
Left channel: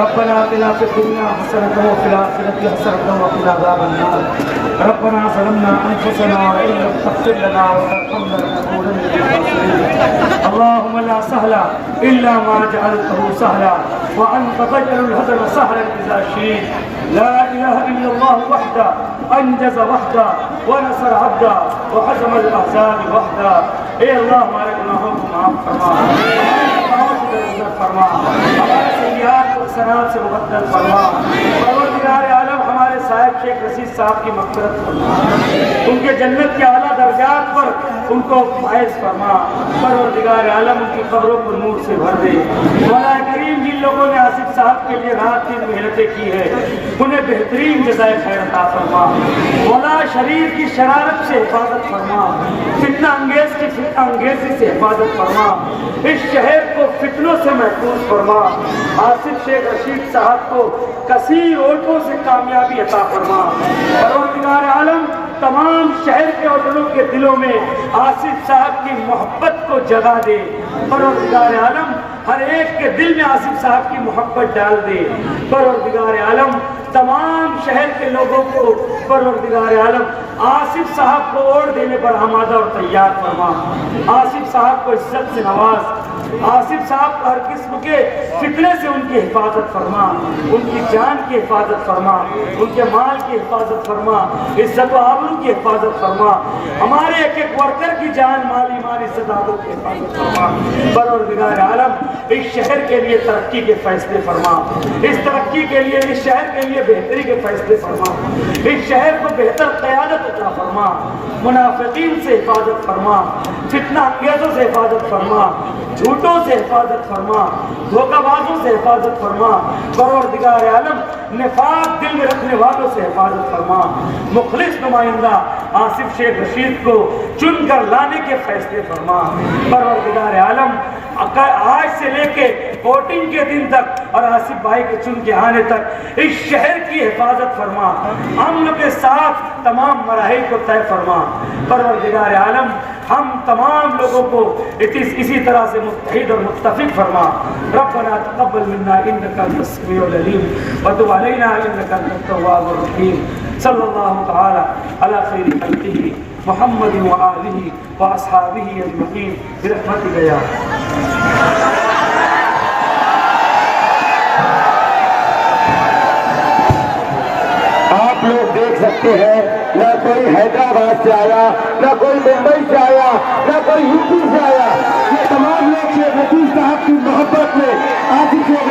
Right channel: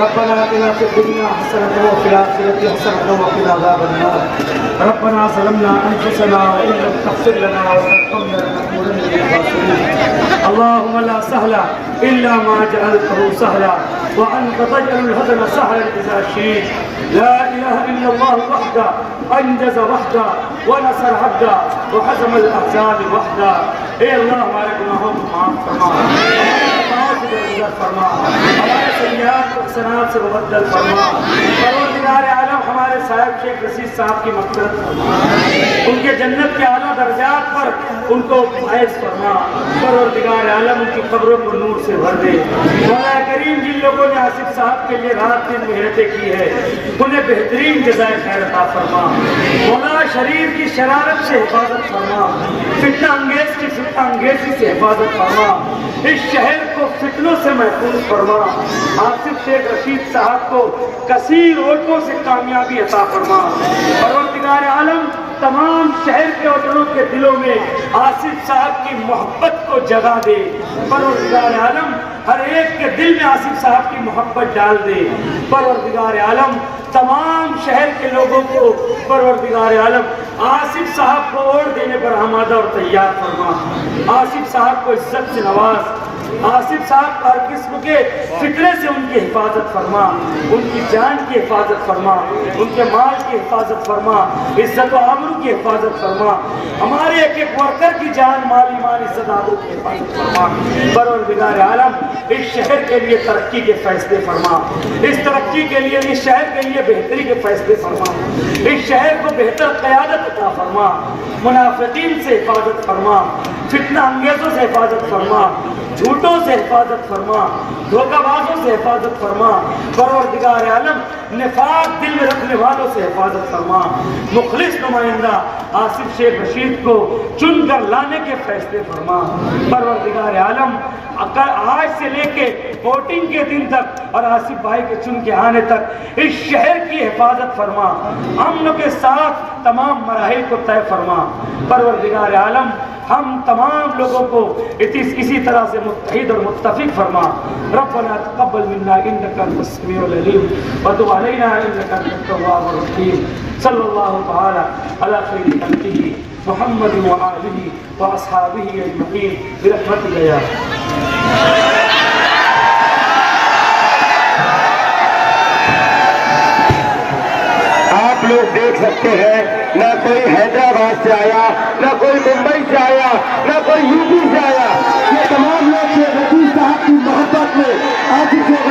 रब्बना आतिना फिद दुनिया हसनतन व फिल आखिरति हसनतन व क़िना अज़ाबन्नार रब्बना ज़लमना अनफुसना व इन लम तग़फिर लना व तर्हमना लनकूनन्ना मिनल ख़ासिरीन अल्लाहुम्मा ला सहला इल्ला मा जअलतहु सहला व अंत तजअलुल हज़न सहलन इज़ा शि'त ला इलाहा इल्लल्लाह वहदा अंजज़ वहदा व नसर अब्दा व हज़मल अहज़ाब वहदा। ए अल्लाह हमारे गुनाहों को माफ़ फरमा, फरमा हमारे सय्यात को सनात से मुबद्दल फरमा। परवरदिगार आलम हमारे साहिब शेख रशीद साहब की मग़फ़िरत फरमा, उनके जन्नत के आला दर्जात पर उनको फायज़ फरमा। परवरदिगार आलम उनकी कब्रों को नूर से भर दे। मौला करीम जिन लोगों ने आसिफ साहब के लिए रात दिन मेहनतें की है उन्हें बेहतरीन जज़ाए खैर अता फरमा। मौला शरीर की शरारत से हिफाजत फरमा, फितना अंगेज की फितना अंगेजी से हिफाजत फरमा। इस शहर को फितनों से महफूज फरमा। आसिफ शेख रशीद साहब को कसीर वोटों से कामयाबी अता फरमा। परवरदिगार आलम तमाम शहर के वतनों के दिलों में आसिफ साहब की मोहब्बत को जगा दे। परवरदिगार आलम हर एक के दिल में आसिफ साहब की मोहब्बत डाल दे। परवरदिगार आलम तमाम शहर के लोगों को परवरदिगार आलम आसिफ साहब को वोट देने पर आमादा और तैयार फरमा। आसिफ साहब को इज्जत से नवाज, आसिफ साहब हर किस्म के फितने से उनकी हिफाजत फरमा, उनकी जान की हिफाजत फरमा, उनके माल की हिफाजत फरमा, इज्जत व आबरू की हिफाजत फरमा। हमारे एक एक वर्कर की जान, माल, ईमान, इज्जत आबरू की हिफाजत फरमा। परवरदिगार आलम इस शहर के लिए तरक्की के फैसले फरमा, इस तरक्की के लिए, इस शहर के लिए बेहतरी के फैसले फरमा, इस शहर को बेहतर क़यादत अता फरमा। मुनाफिकीन से हिफाजत फरमा, फितना अंगेजों से हिफाजत फरमा, झूठों से हिफाजत फरमा, धोखाबाजों से हिफाजत फरमा। परवरदिगार आलम निफाक दिल में रखने वालों से हिफाजत फरमा। मुखलिस नुमाइंदा आसिफ शेख रशीद को चुनकर लाने के फैसले फरमा। परवरदिगार आलम आज से लेके वोटिंग के दिन तक और आसिफ भाई के चुन के आने तक इस शहर की हिफाजत फरमा। अमन के साथ तमाम मराहिल को तय फरमा। परवरदिगार आलम हम तमाम लोगों को इसी तरह से मुत्तहिद और मुत्तफिक फरमा। रब्बना तक़ब्बल मिन्ना इन्नका अंतस समीउल अलीम व तुब अलैना इन्नका अंतत तव्वाबुर रहीम। सल्लल्लाहु तआला अला खैरि खल्क़िही मुहम्मद व आलिहि व अस्हाबिही अजमईन बिरहमतिका या आप लोग देख सकते हैं, न कोई हैदराबाद से आया, न कोई मुंबई से आया, न कोई यूपी से आया। ये तमाम लोग शेख रशीद साहब की मोहब्बत में आसिफ शेख